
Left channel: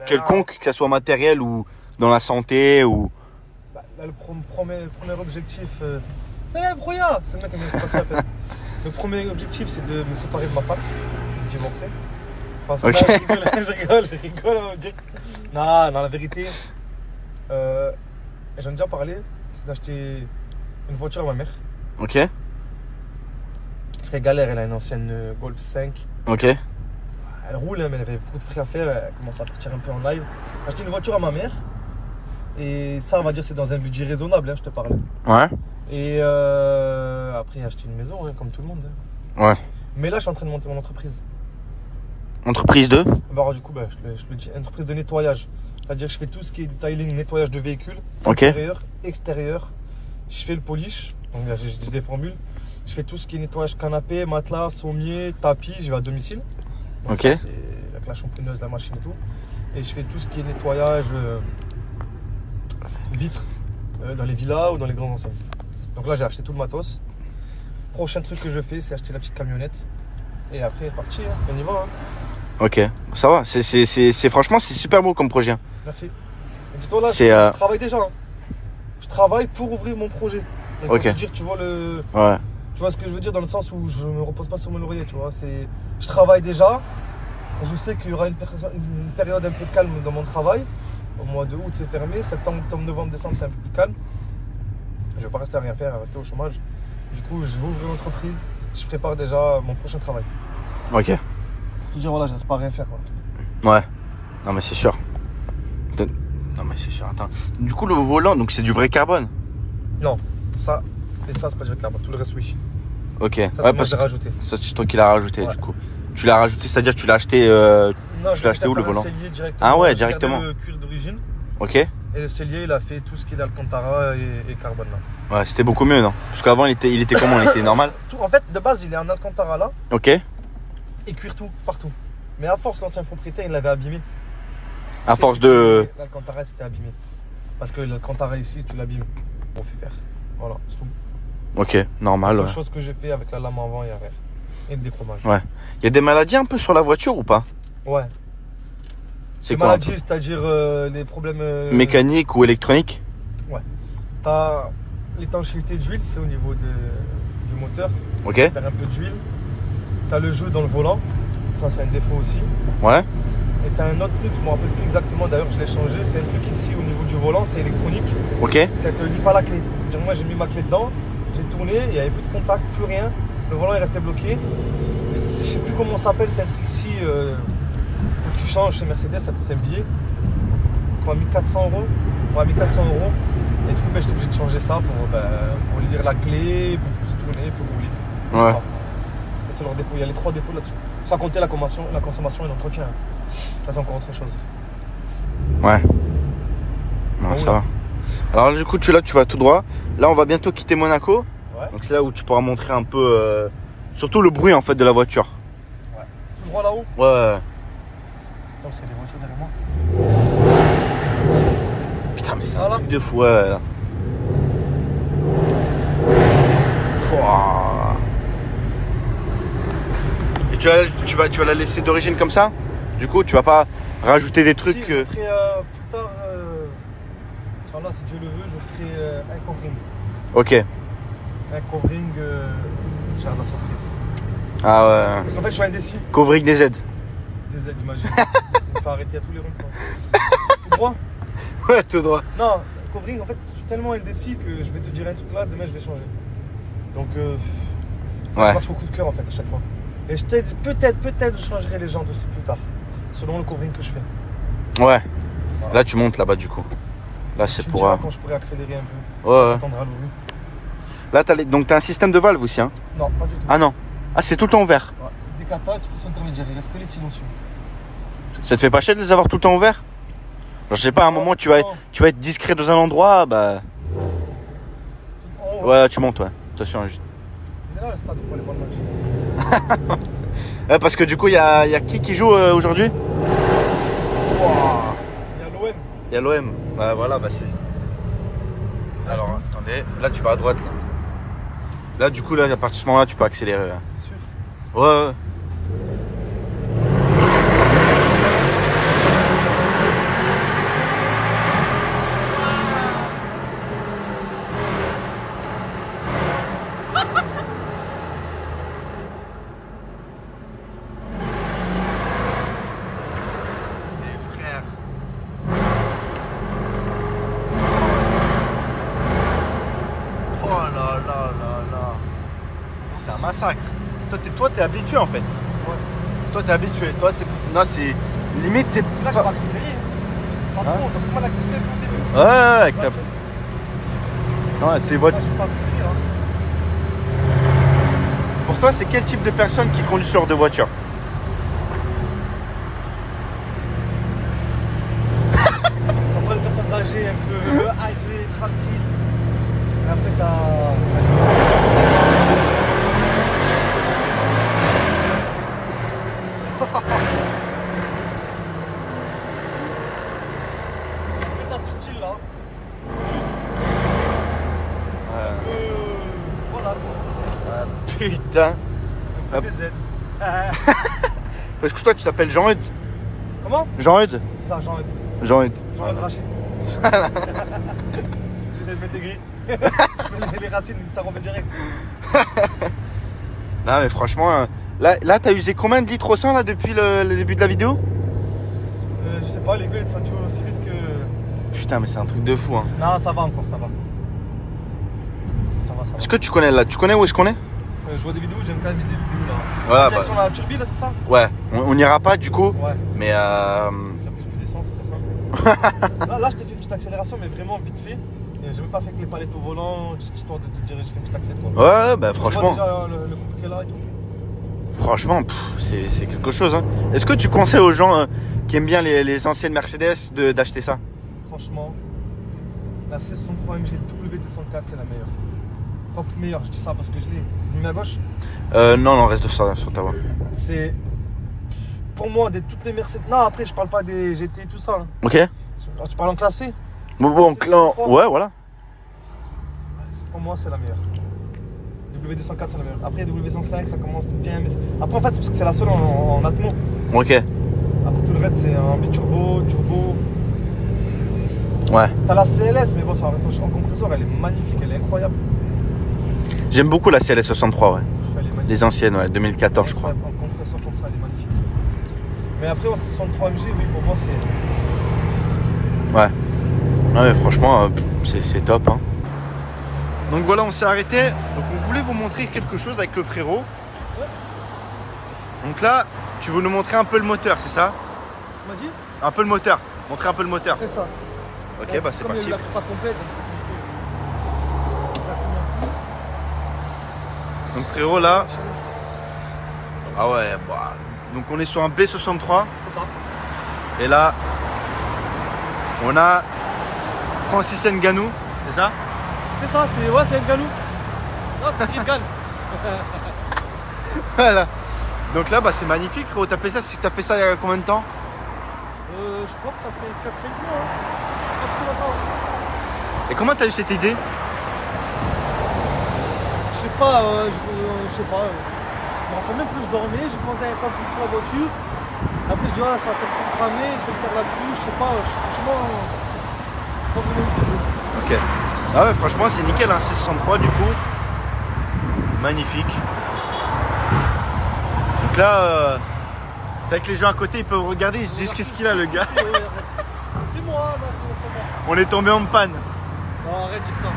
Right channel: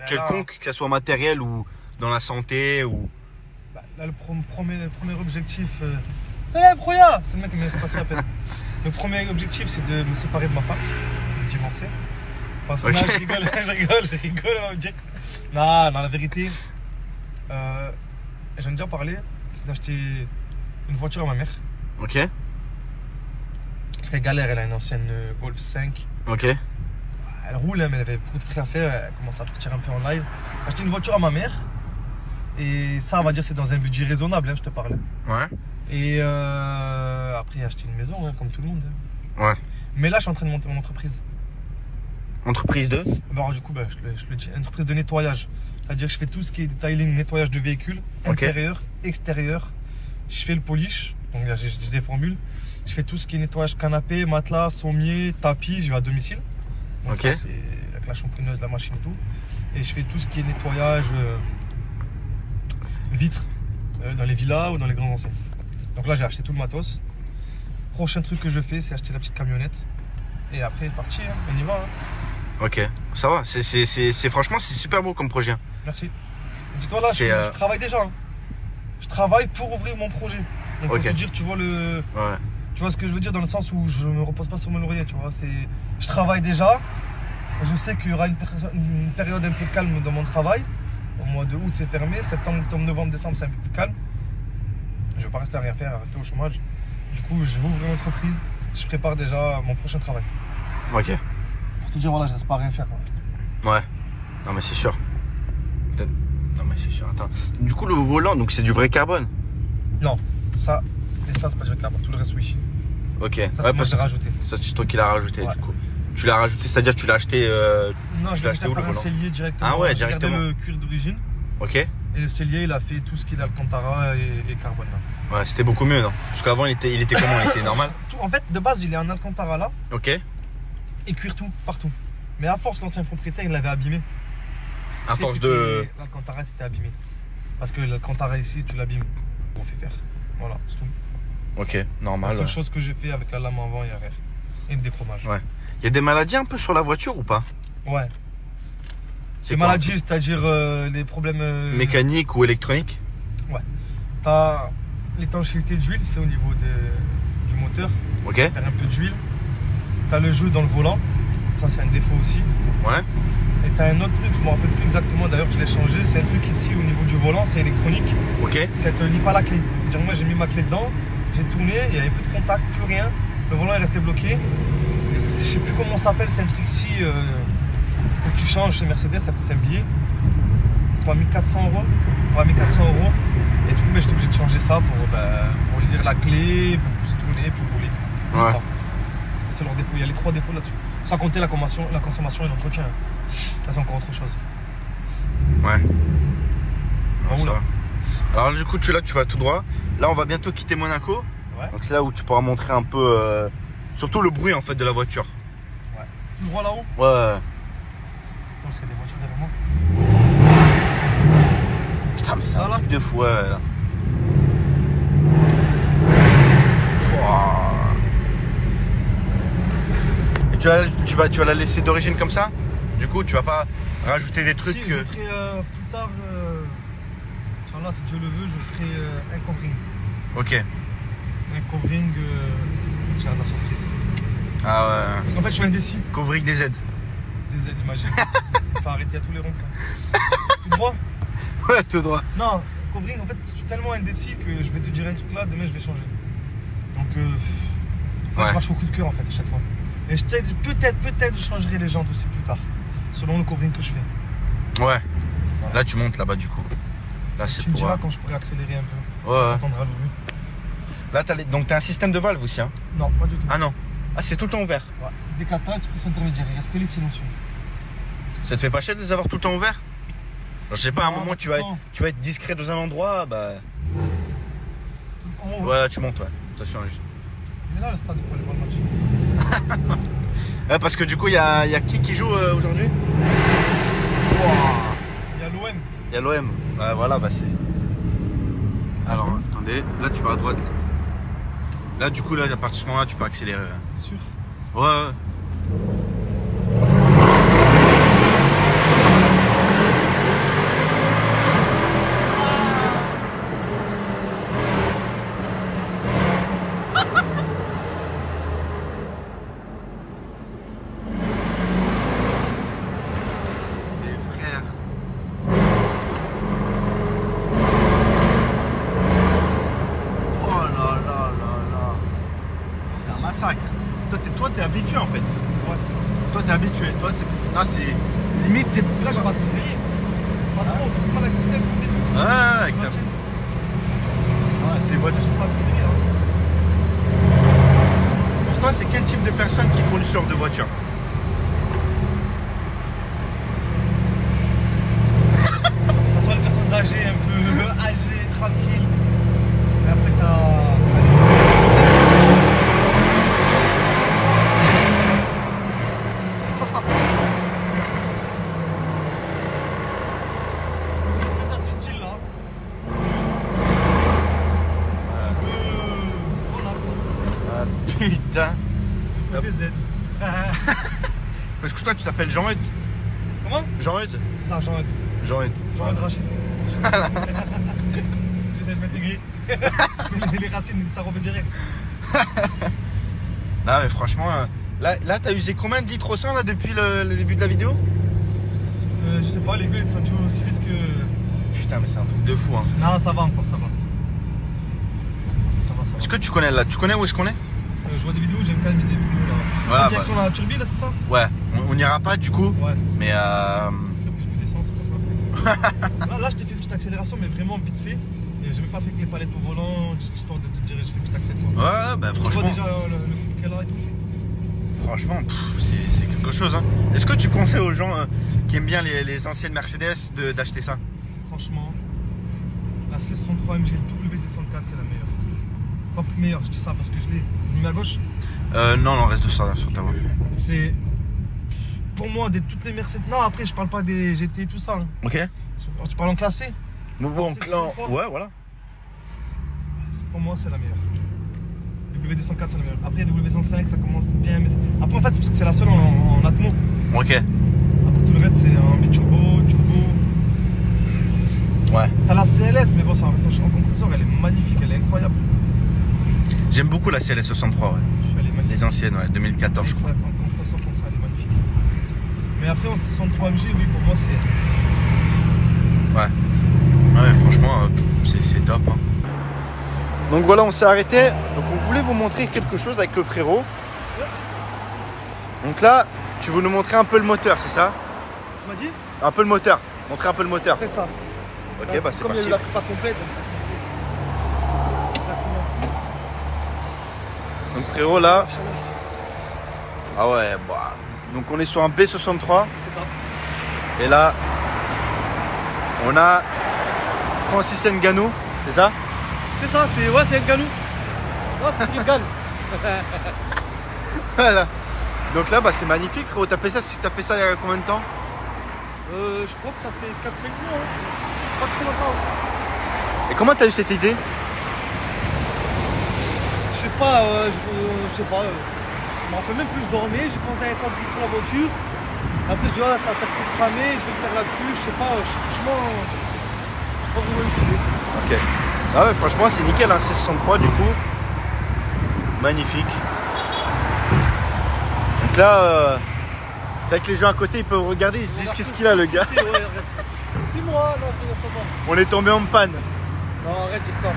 quelconques, que ce soit matériel ou dans la santé ou... Bah, là, le premier objectif, c'est là, Broya. C'est le mec qui m'a passé à peine. Le premier objectif, c'est de me séparer de ma femme, de divorcer. Enfin, Okay. je rigole, on va me dire. Non, la vérité, j'en ai déjà parlé, c'est d'acheter une voiture à ma mère. Ok. Parce qu'elle galère, elle a une ancienne Golf 5. Ok. Elle Elle roule, hein, mais elle avait beaucoup de frais à faire. Elle commence à partir un peu en live. J'ai acheté une voiture à ma mère. Et ça, on va dire, c'est dans un budget raisonnable, hein, je te parle. Ouais. Et après, j'ai acheté une maison, hein, comme tout le monde. Hein. Ouais. Mais là, je suis en train de monter mon entreprise. Entreprise 2. Bah, alors, du coup, je le dis, entreprise de nettoyage. C'est-à-dire que je fais tout ce qui est detailing, nettoyage de véhicules, Ok. intérieur, extérieur. Je fais le polish, donc là, j'ai des formules. Je fais tout ce qui est nettoyage canapé, matelas, sommier, tapis, je vais à domicile. Donc, Ok. ça, c'est avec la shampooineuse, la machine et tout. Et je fais tout ce qui est nettoyage vitres dans les villas ou dans les grandes enseignes. Donc là, j'ai acheté tout le matos. Prochain truc que je fais, c'est acheter la petite camionnette. Et après, parti, hein, on y va. Hein. Ok, ça va. Franchement, c'est super beau comme projet. Merci. Dis-toi là, je travaille déjà. Hein. Je travaille pour ouvrir mon projet. Donc, Ok. pour te dire, tu vois Ouais. tu vois ce que je veux dire dans le sens où je me repose pas sur mon laurier, tu vois. Je travaille déjà. Je sais qu'il y aura une période un peu calme dans mon travail. Au mois de août, c'est fermé. Septembre, octobre, novembre, décembre, c'est un peu plus calme. Je vais pas rester à rien faire, à rester au chômage. Du coup, je vais ouvrir l'entreprise. Je prépare déjà mon prochain travail. Ok. Pour te dire, voilà, je reste pas à rien faire. Quoi. Ouais. Non, mais c'est sûr. Non, mais c'est sûr. Attends. Du coup, le volant, donc c'est du vrai carbone. Non, ça et ça, c'est pas du carbone. Tout le reste, oui. Ok. Ça, Ouais, c'est moi parce j'ai que rajouté. ça, c'est toi qui l'as rajouté, Ouais. du coup. Tu l'as rajouté, c'est-à-dire que tu l'as acheté. Non, Tu je l'as l'ai acheté où, le volant? cellier directement. Ah ouais, J'ai directement. gardé le cuir d'origine. Ok. Et le cellier, il a fait tout ce qu'il a Alcantara et carbone là. Ouais, c'était beaucoup mieux, non? Parce qu'avant, il était comment? Il était normal? Tout, en fait, de base, il est en Alcantara là Ok. et cuir tout, partout. Mais à force, l'ancien propriétaire, il l'avait abîmé. À force de. L'Alcantara, c'était abîmé. Parce que l'Alcantara ici, tu l'abîmes. On fait faire. Voilà, c'est tout. Ok, La normal. seule Ouais. chose que j'ai fait avec la lame avant et arrière. Et le déchromage. Ouais. Il y a des maladies un peu sur la voiture ou pas? Ouais. C'est Les quoi, un maladies, c'est-à-dire les problèmes. peu mécanique ou électronique? T'as l'étanchéité d'huile, c'est au niveau du moteur. Ok. Tu perds un peu d'huile. T'as le jeu dans le volant. Ça, c'est un défaut aussi. Ouais. Et t'as un autre truc, je me rappelle plus exactement, d'ailleurs, je l'ai changé. C'est un truc ici au niveau du volant, c'est électronique. Ok. Ça te lie pas la clé. C'est-à-dire, moi, j'ai mis ma clé dedans, j'ai tourné, il y avait plus de contact, plus rien. Le volant est resté bloqué. Et je sais plus comment ça s'appelle, c'est un truc ici. Faut que tu changes chez Mercedes, ça coûte un billet. Quoi, 1400 €. Ouais, 1400 €. Et du coup, j'étais obligé de changer ça pour lire la clé, pour se tourner, pour rouler. Ouais. Ça. Et c'est leur défaut. Il y a les 3 défauts là-dessus. Sans compter la consommation et l'entretien. Ça, c'est encore autre chose. Ouais. Non, Bon, ça là. va. Alors du coup, tu vas tout droit. Là, on va bientôt quitter Monaco. Ouais. Donc c'est là où tu pourras montrer un peu, surtout le bruit en fait de la voiture. Ouais. Tout droit là-haut. Ouais. Attends, parce qu'il y a des voitures derrière moi. Putain, mais c'est un Voilà. truc de fou. Ouais. Là. Pouah. Et tu vas la laisser d'origine comme ça? Du coup, tu vas pas rajouter des trucs. Si, je ferai plus tard, Inch'Allah, si Dieu le veut, je ferai un covering. Ok. Un covering, j'ai la surprise. Ah ouais. Parce qu'en fait, je suis indécis. Covering des aides. Des aides, imagine. Il faut arrêter à tous les ronds-points. Tout droit? Ouais, tout droit. Non, covering, en fait, je suis tellement indécis que je vais te dire un truc là, demain je vais changer. Donc, je marche au coup de cœur en fait à chaque fois. Et peut-être je changerai les jantes aussi plus tard, selon le covering que je fais. Ouais. Voilà. Là, tu montes là-bas du coup. Là, c'est Tu me pour. diras quand je pourrai accélérer un peu. Ouais. Attendra le vu. Là, donc t'as un système de valve aussi, hein? Non, pas du tout. Ah non. Ah, c'est tout le temps ouvert. Ouais. Des katas, qui sont intermédiaires, il reste que les silencieux. Ça te fait pas chier de les avoir tout le temps ouverts? Genre, je sais pas, à un moment tu vas être discret dans un endroit, bah. En haut. Ouais, là, tu montes, ouais. Attention, juste. Il est là le stade pour aller voir le match. Ouais, parce que du coup, il y a qui joue aujourd'hui? Wouah. Il y a l'OM. Il y a l'OM. Bah voilà, bah c'est. Alors, attendez, là tu vas à droite. Là, du coup, là, à partir de ce moment-là, tu peux accélérer. Là. T'es sûr? Ouais. Des frères. Oh là là là là. C'est un massacre. Toi, t'es habitué en fait. Ouais. Toi, t'es habitué. Toi, c'est. Non, c'est. Limite, c'est. Là, je accéléré. Pas trop, on peut pas l'accélérer au début. Ouais, Moi, ouais, c'est votre. j'ai pas accéléré là. Pour toi, c'est quel type de personne qui conduit ce genre de voiture? Ça soit les personnes âgées, un peu âgées, tranquilles. Et après, t'as. Dans ce style-là. Voilà. Ah, putain. Un peu des aides. Parce que toi, tu t'appelles Jean-Eudes. Comment? Jean-Eudes. C'est ça, Jean-Eudes. Jean-Eudes. Jean-Eudes Rachid. J'essaie de m'intégrer. Les racines, ça revient direct. Non, mais franchement, là t'as usé combien de litres au 100 là depuis le début de la vidéo? Je sais pas, les gars, ils sont toujours aussi vite que. Putain, mais c'est un truc de fou, hein. Non, ça va encore, ça va. Ça va, ça va. Est-ce que tu connais là? Tu connais où est-ce qu'on est? Je vois des vidéos, j'aime quand même des vidéos là. Voilà, Direction la Turbie là, c'est ça? Ouais, on n'ira pas du coup, Ouais. mais J'ai pris plus d'essence, c'est pour ça. Là, je t'ai fait une petite accélération, mais vraiment vite fait. Et j'ai même pas fait que les palettes au volant, juste histoire de te dire, je fais une petite accélération. ouais, bah Tu vois franchement, déjà le coup de qu'elle a et tout. franchement, c'est quelque chose, hein. Est-ce que tu conseilles aux gens qui aiment bien les anciennes Mercedes d'acheter ça? Franchement, la 663 MG W204, c'est la meilleure. Pas meilleure, je dis ça parce que je l'ai. Je mets à gauche. Non, reste de ça sur ta voie. C'est. Pour moi, de toutes les Mercedes. Non, après, je parle pas des GT et tout ça. Hein. Ok. Tu parles en classé? Bon, C'est clan. super. Ouais, voilà. Pour moi, c'est la meilleure. W204, c'est la meilleure. Après, W105, ça commence bien. Mais après, en fait, c'est parce que c'est la seule en Atmo. Ok. Après, tout le reste, c'est en biturbo, turbo. Ouais. T'as la CLS, mais bon, ça reste en compresseur. Elle est magnifique, elle est incroyable. J'aime beaucoup la CLS 63, ouais. Elle est magnifique. Les anciennes, ouais, 2014, je crois. En compresseur comme ça, elle est magnifique. Mais après, en 63 MG, oui, pour moi, c'est. Ouais. Ouais, franchement, c'est top, hein. Donc voilà, on s'est arrêté. Donc on voulait vous montrer quelque chose avec le frérot. Ouais. Donc là, tu veux nous montrer un peu le moteur, c'est ça? Tu m'as dit? Un peu le moteur. Montrer un peu le moteur. C'est ça. Ok, Donc, bah c'est comme parti. la pas complète, exactement. Donc frérot, là. La chaleur, Ah ouais, bah. Donc on est sur un B63. c'est ça. Et là, on a Francis Ngannou, c'est ça? C'est ça, c'est un ganou. Ouais, c'est ce qu'il gagne. Voilà. Donc là, bah, c'est magnifique, frérot. T'as fait ça il y a combien de temps? Je crois que ça fait 4-5 mois. Hein. Pas très longtemps. Et comment t'as eu cette idée? Je sais pas, je me rappelle même plus, je dormais, j'ai pensé à un temps plus sur la voiture. Après, je dis, ça va peut-être cramer, je vais le faire là-dessus. Je sais pas, franchement, je sais pas vraiment utile. Ok. Ah ouais, franchement, c'est nickel, hein. C63 du coup. Magnifique. Donc là, c'est vrai que les gens à côté, ils peuvent regarder, ils se disent qu'est-ce qu'il a, le gars. C'est moi, non, je ne pas. On est tombé en panne. Non, arrête de dire ça.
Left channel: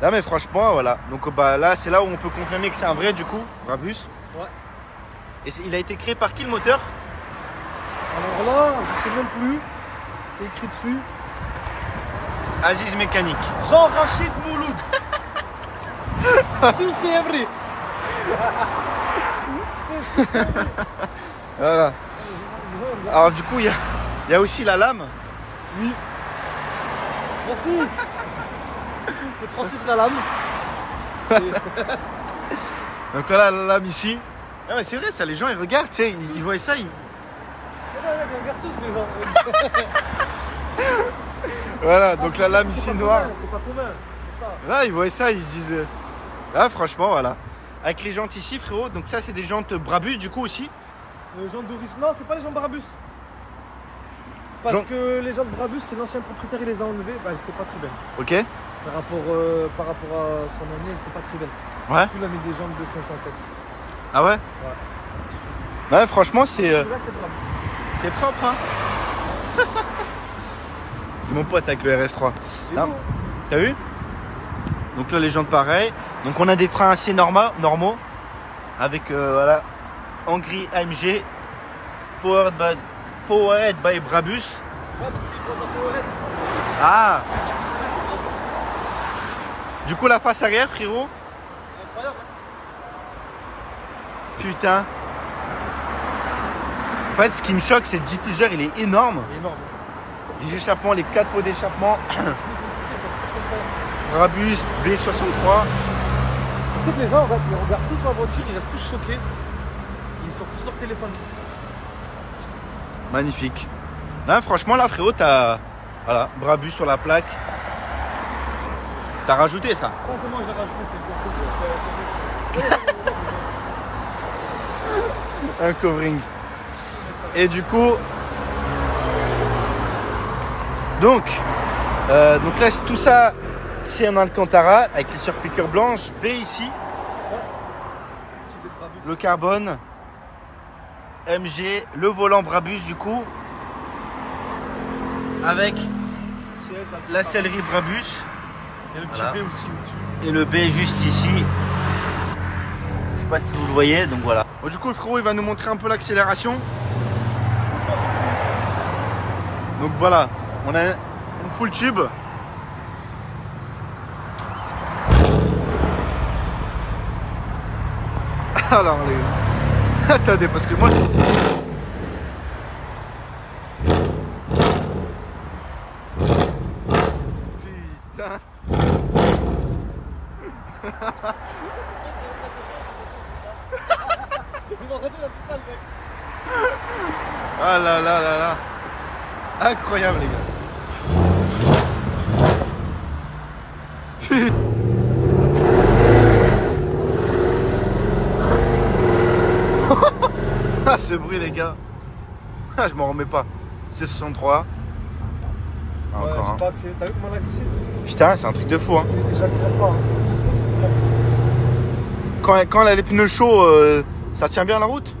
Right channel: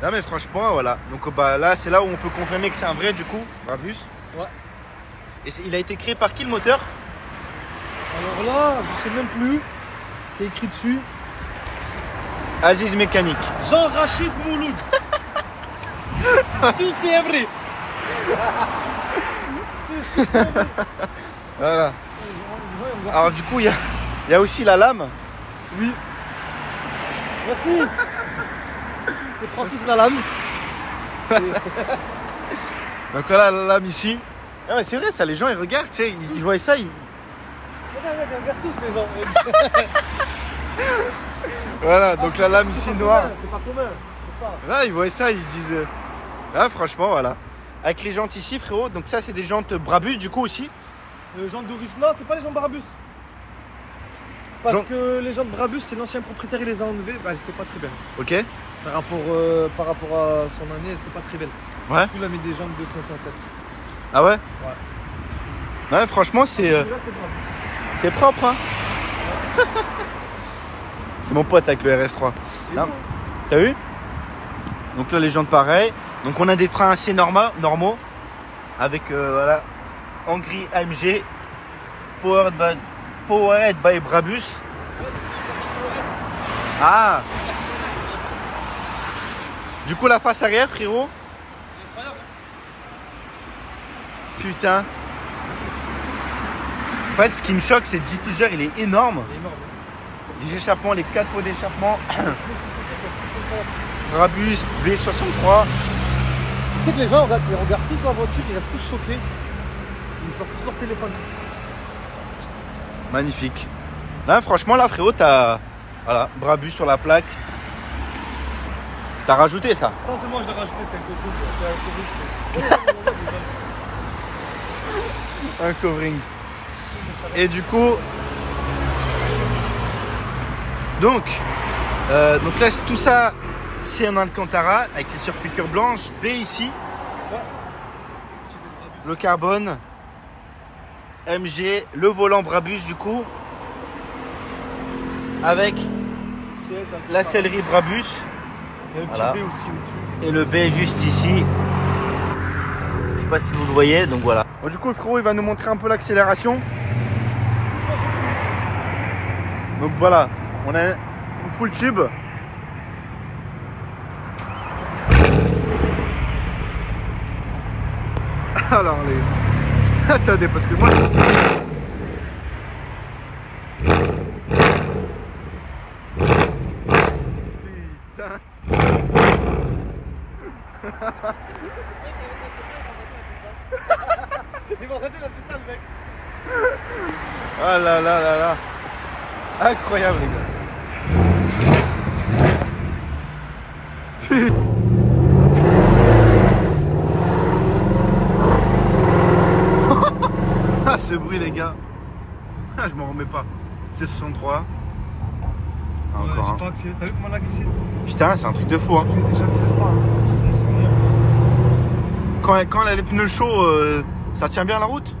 Là, mais franchement, voilà. Donc bah, là, c'est là où on peut confirmer que c'est un vrai, du coup, Brabus. Ouais. Et il a été créé par qui, le moteur? Alors là, je sais même plus. C'est écrit dessus. Aziz Mécanique. Jean-Rachid Mouloud. C'est sûr, c'est vrai. C'est sûr, c'est vrai. Voilà. Alors du coup, il y a aussi la lame. Oui. Merci. C'est Francis Lalanne. Donc voilà la lame ici. Ah ouais, c'est vrai, ça, les gens ils regardent, tu sais, ils voient ça, ils... Voilà, donc la lame ici noire. C'est pas commun. C'est ça. Là, ils voient ça, ils se disent... Là, franchement, voilà. Avec les jantes ici, frérot, donc ça, c'est des jantes Brabus, du coup, aussi. Jantes d'origine. Non, c'est pas les jantes Brabus. Parce que les jantes Brabus, c'est l'ancien propriétaire, il les a enlevées. Bah, elles étaient pas très belles. Ok. Par rapport à son année, elles étaient pas très belles. Ouais. Du coup, il a mis des jantes de 507. Ah ouais? Ouais. Ouais, franchement, c'est Là, c'est Brabus. c'est propre, hein. C'est mon pote avec le RS3. Non. T'as vu? Donc là, les jantes pareilles. Donc on a des freins assez normaux. Avec, voilà, en gris AMG. Powered by Brabus. Ah. Du coup, la face arrière, frérot. Putain. En fait, ce qui me choque, c'est le diffuseur, il est énorme. Les échappements, les 4 pots d'échappement. Brabus B63. Tu sais que les gens ils regardent tous la voiture, ils restent tous choqués. Ils sortent tous leur téléphone. Magnifique. Là, franchement, là, frérot, t'as. Voilà, Brabus sur la plaque. T'as rajouté ça? Ça, c'est moi, je l'ai rajouté, c'est le covering. Un covering. Et du coup. Donc là, tout ça, c'est en Alcantara avec les surpiqûres blanches. B ici. Le carbone. MG. Le volant Brabus, du coup. Avec la sellerie Brabus. Et le petit Voilà. B aussi au-dessus. Et le B juste ici. Je sais pas si vous le voyez, donc voilà. Bon, du coup, le frérot, il va nous montrer un peu l'accélération. Donc voilà, on a une full tube. Alors les... Attendez, parce que moi... Putain. Ils vont arrêter, il a fait ça, le mec. Ah là là là là. Incroyable, les gars. Putain. Ah, ce bruit, les gars. Ah, je m'en remets pas. C'est 63. Ah, Ouais, encore j'ai un. pas accéléré. T'as vu comment on a glissé? Putain, c'est un truc de fou, hein. J'accélère pas. Quand elle a les pneus chauds, ça tient bien la route?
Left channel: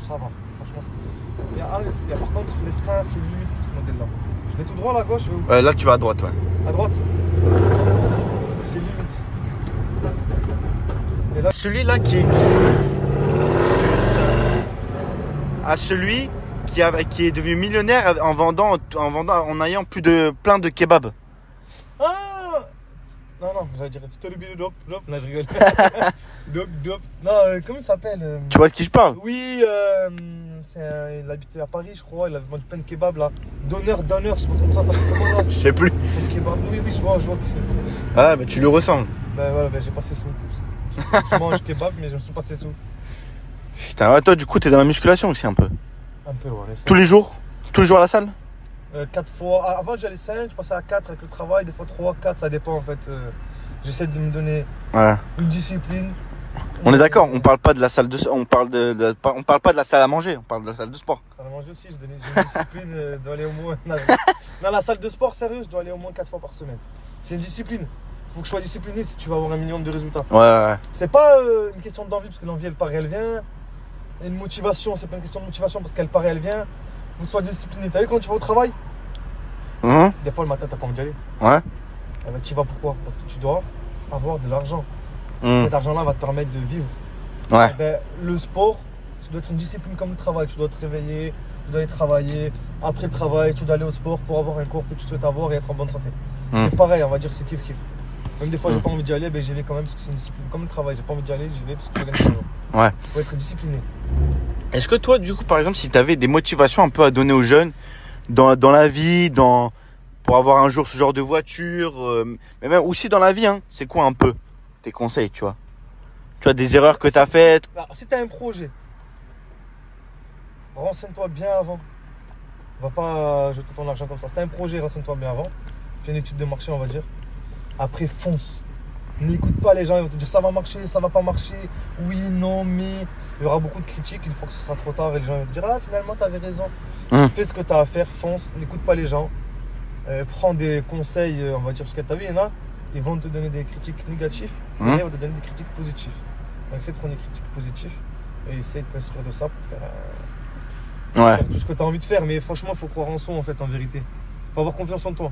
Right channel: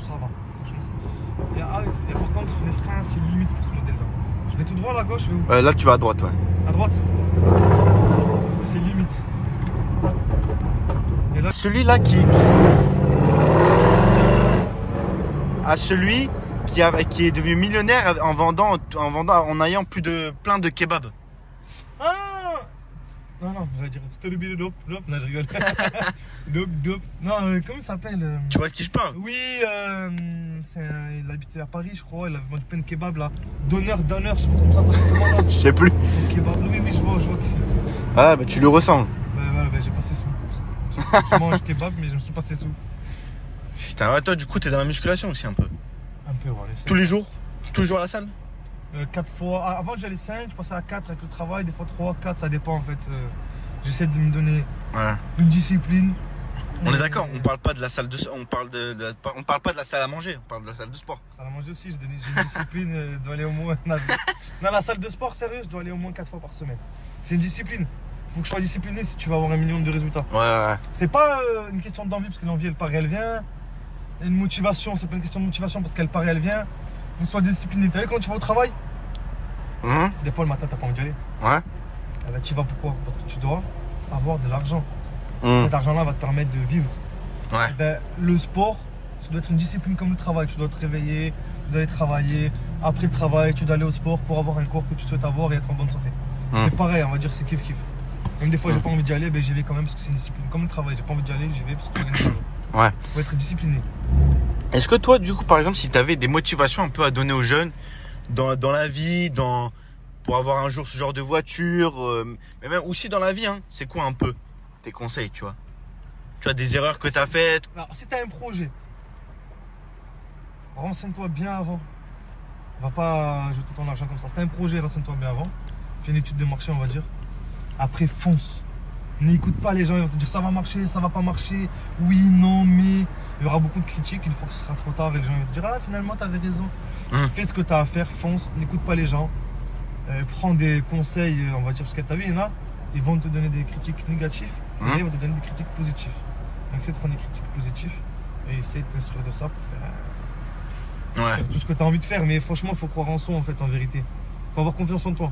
Ça va, franchement. Il y a par contre les freins, c'est limite pour ce modèle-là. Je vais tout droit à la gauche, je vais où? Là, tu vas à droite, ouais. À droite. C'est limite. Et là, Celui-là qui... À celui qui est devenu millionnaire en ayant plein de kebabs. ah non, j'allais dire Stolubidop. Non, je rigole. Dop. Non, comment il s'appelle Tu vois de qui je parle? Oui, il habitait à Paris, je crois. Il avait vendu plein de kebabs là. Donneur, je sais pas comme ça s'appelle comment là. Je sais plus. C'est le kebab. Oui, je vois qui c'est. Ah, bah tu lui ressembles. Ben voilà, j'ai passé sous. Je mange kebab, mais je me suis passé sous. Putain, ouais, toi, du coup, t'es dans la musculation aussi un peu. Un peu, voilà. Tous les jours à la salle? 4 fois. Avant, j'allais 5, je passais à 4 avec le travail, des fois 3, 4, ça dépend en fait. J'essaie de me donner Voilà. une discipline. On est d'accord, on parle pas de la salle de on parle on parle pas de la salle à manger, on parle de la salle de sport. Ça va manger aussi, j'ai une discipline, je dois aller au moins. Non, la salle de sport, sérieux, je dois aller au moins 4 fois par semaine. C'est une discipline. Faut que je sois discipliné si tu vas avoir un minimum de résultats. Ouais. C'est pas une question d'envie, parce que l'envie elle part et elle vient. Et une motivation, c'est pas une question de motivation parce qu'elle part et elle vient. Faut que tu sois discipliné. T'as vu quand tu vas au travail? Des fois le matin t'as pas envie d'y aller. Ouais. Eh ben, tu y vas pourquoi? Parce que tu dois avoir de l'argent. Cet argent-là va te permettre de vivre. Ouais. Eh ben, le sport, ça doit être une discipline comme le travail. Tu dois te réveiller, tu dois aller travailler. Après le travail, tu dois aller au sport pour avoir un corps que tu souhaites avoir et être en bonne santé. C'est pareil, on va dire, c'est kiff. Même des fois, j'ai pas envie d'y aller, ben, j'y vais quand même parce que c'est une discipline. Comme le travail, j'ai pas envie d'y aller, j'y vais parce que je gagne de l'argent. Ouais. Faut être discipliné. Est-ce que toi, du coup, par exemple, si tu avais des motivations un peu à donner aux jeunes dans la vie, pour avoir un jour ce genre de voiture, mais même aussi dans la vie, hein, c'est quoi un peu tes conseils, tu vois? Tu vois, des erreurs que tu as faites? Alors, si tu as un projet, renseigne-toi bien avant. Va pas jeter ton argent comme ça. Si tu as un projet, renseigne-toi bien avant. Fais une étude de marché, on va dire. Après, fonce. N'écoute pas les gens, ils vont te dire ça va marcher, ça va pas marcher. Oui, non, mais il y aura beaucoup de critiques une fois que ce sera trop tard et les gens vont te dire ah, finalement, tu avais raison. Fais ce que tu as à faire, fonce, n'écoute pas les gens. Prends des conseils, on va dire, parce que tu as vu, il y en a, ils vont te donner des critiques négatives, et ils vont te donner des critiques positives. Donc, essaie de prendre des critiques positives et essaie de t'instruire de ça pour faire tout ce que tu as envie de faire. Mais franchement, il faut croire en soi, en fait, en vérité. Il faut avoir confiance en toi.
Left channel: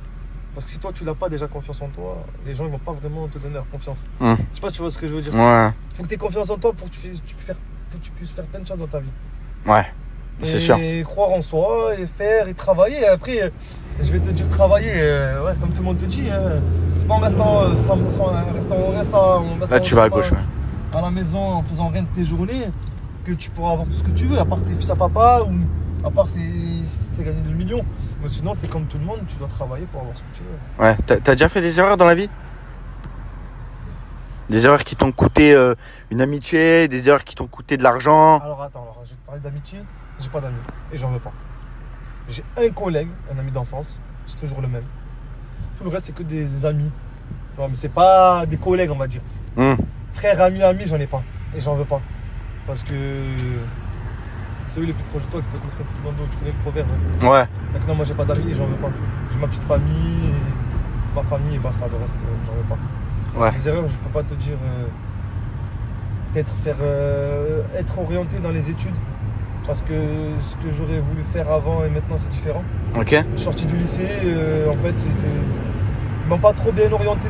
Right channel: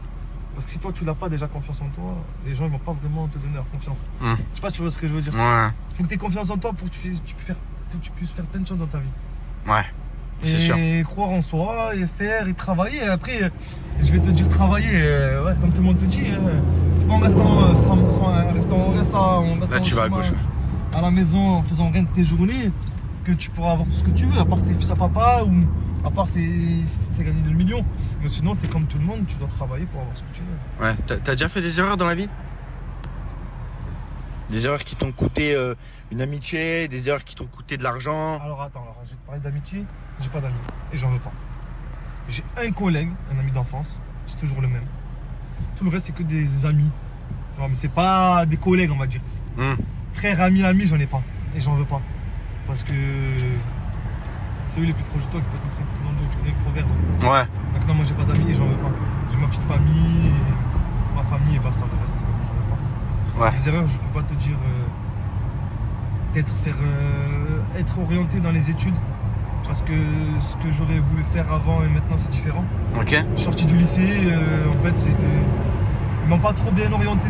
Parce que si toi, tu n'as pas déjà confiance en toi, les gens ne vont pas vraiment te donner leur confiance. Je sais pas si tu vois ce que je veux dire. Ouais. Il faut que tu aies confiance en toi pour que tu puisses faire que tu puisses faire plein de choses dans ta vie. Ouais, c'est sûr. Et croire en soi, et faire, et travailler. Et après, je vais te dire travailler, ouais, comme tout le monde te dit. C'est pas en restant Là, tu vas à au gauche. chômage, à la maison, en faisant rien de tes journées, que tu pourras avoir tout ce que tu veux, à part si t'es fils à papa, ou à part si t'as gagné 2 millions. Mais sinon, t'es comme tout le monde, tu dois travailler pour avoir ce que tu veux. Ouais, t'as déjà fait des erreurs dans la vie? Des erreurs qui t'ont coûté une amitié, des erreurs qui t'ont coûté de l'argent. Alors attends, je vais te parler d'amitié. J'ai pas d'amis et j'en veux pas. J'ai un collègue, un ami d'enfance, c'est toujours le même. Tout le reste, c'est que des amis. Tu vois, mais c'est pas des collègues, on va dire. Frère, ami, j'en ai pas et j'en veux pas. Parce que c'est eux les plus proches de toi qui peuvent te mettre un coup de bandeau. Tu connais le proverbe. Ouais. Donc non, moi j'ai pas d'amis et j'en veux pas. J'ai ma petite famille, et ma famille et basta, le reste, j'en veux pas. Ouais. Les erreurs, je peux pas te dire. Peut-être être orienté dans les études. Parce que ce que j'aurais voulu faire avant et maintenant c'est différent. Ok. Je suis sorti du lycée, en fait, ils m'ont pas trop bien orienté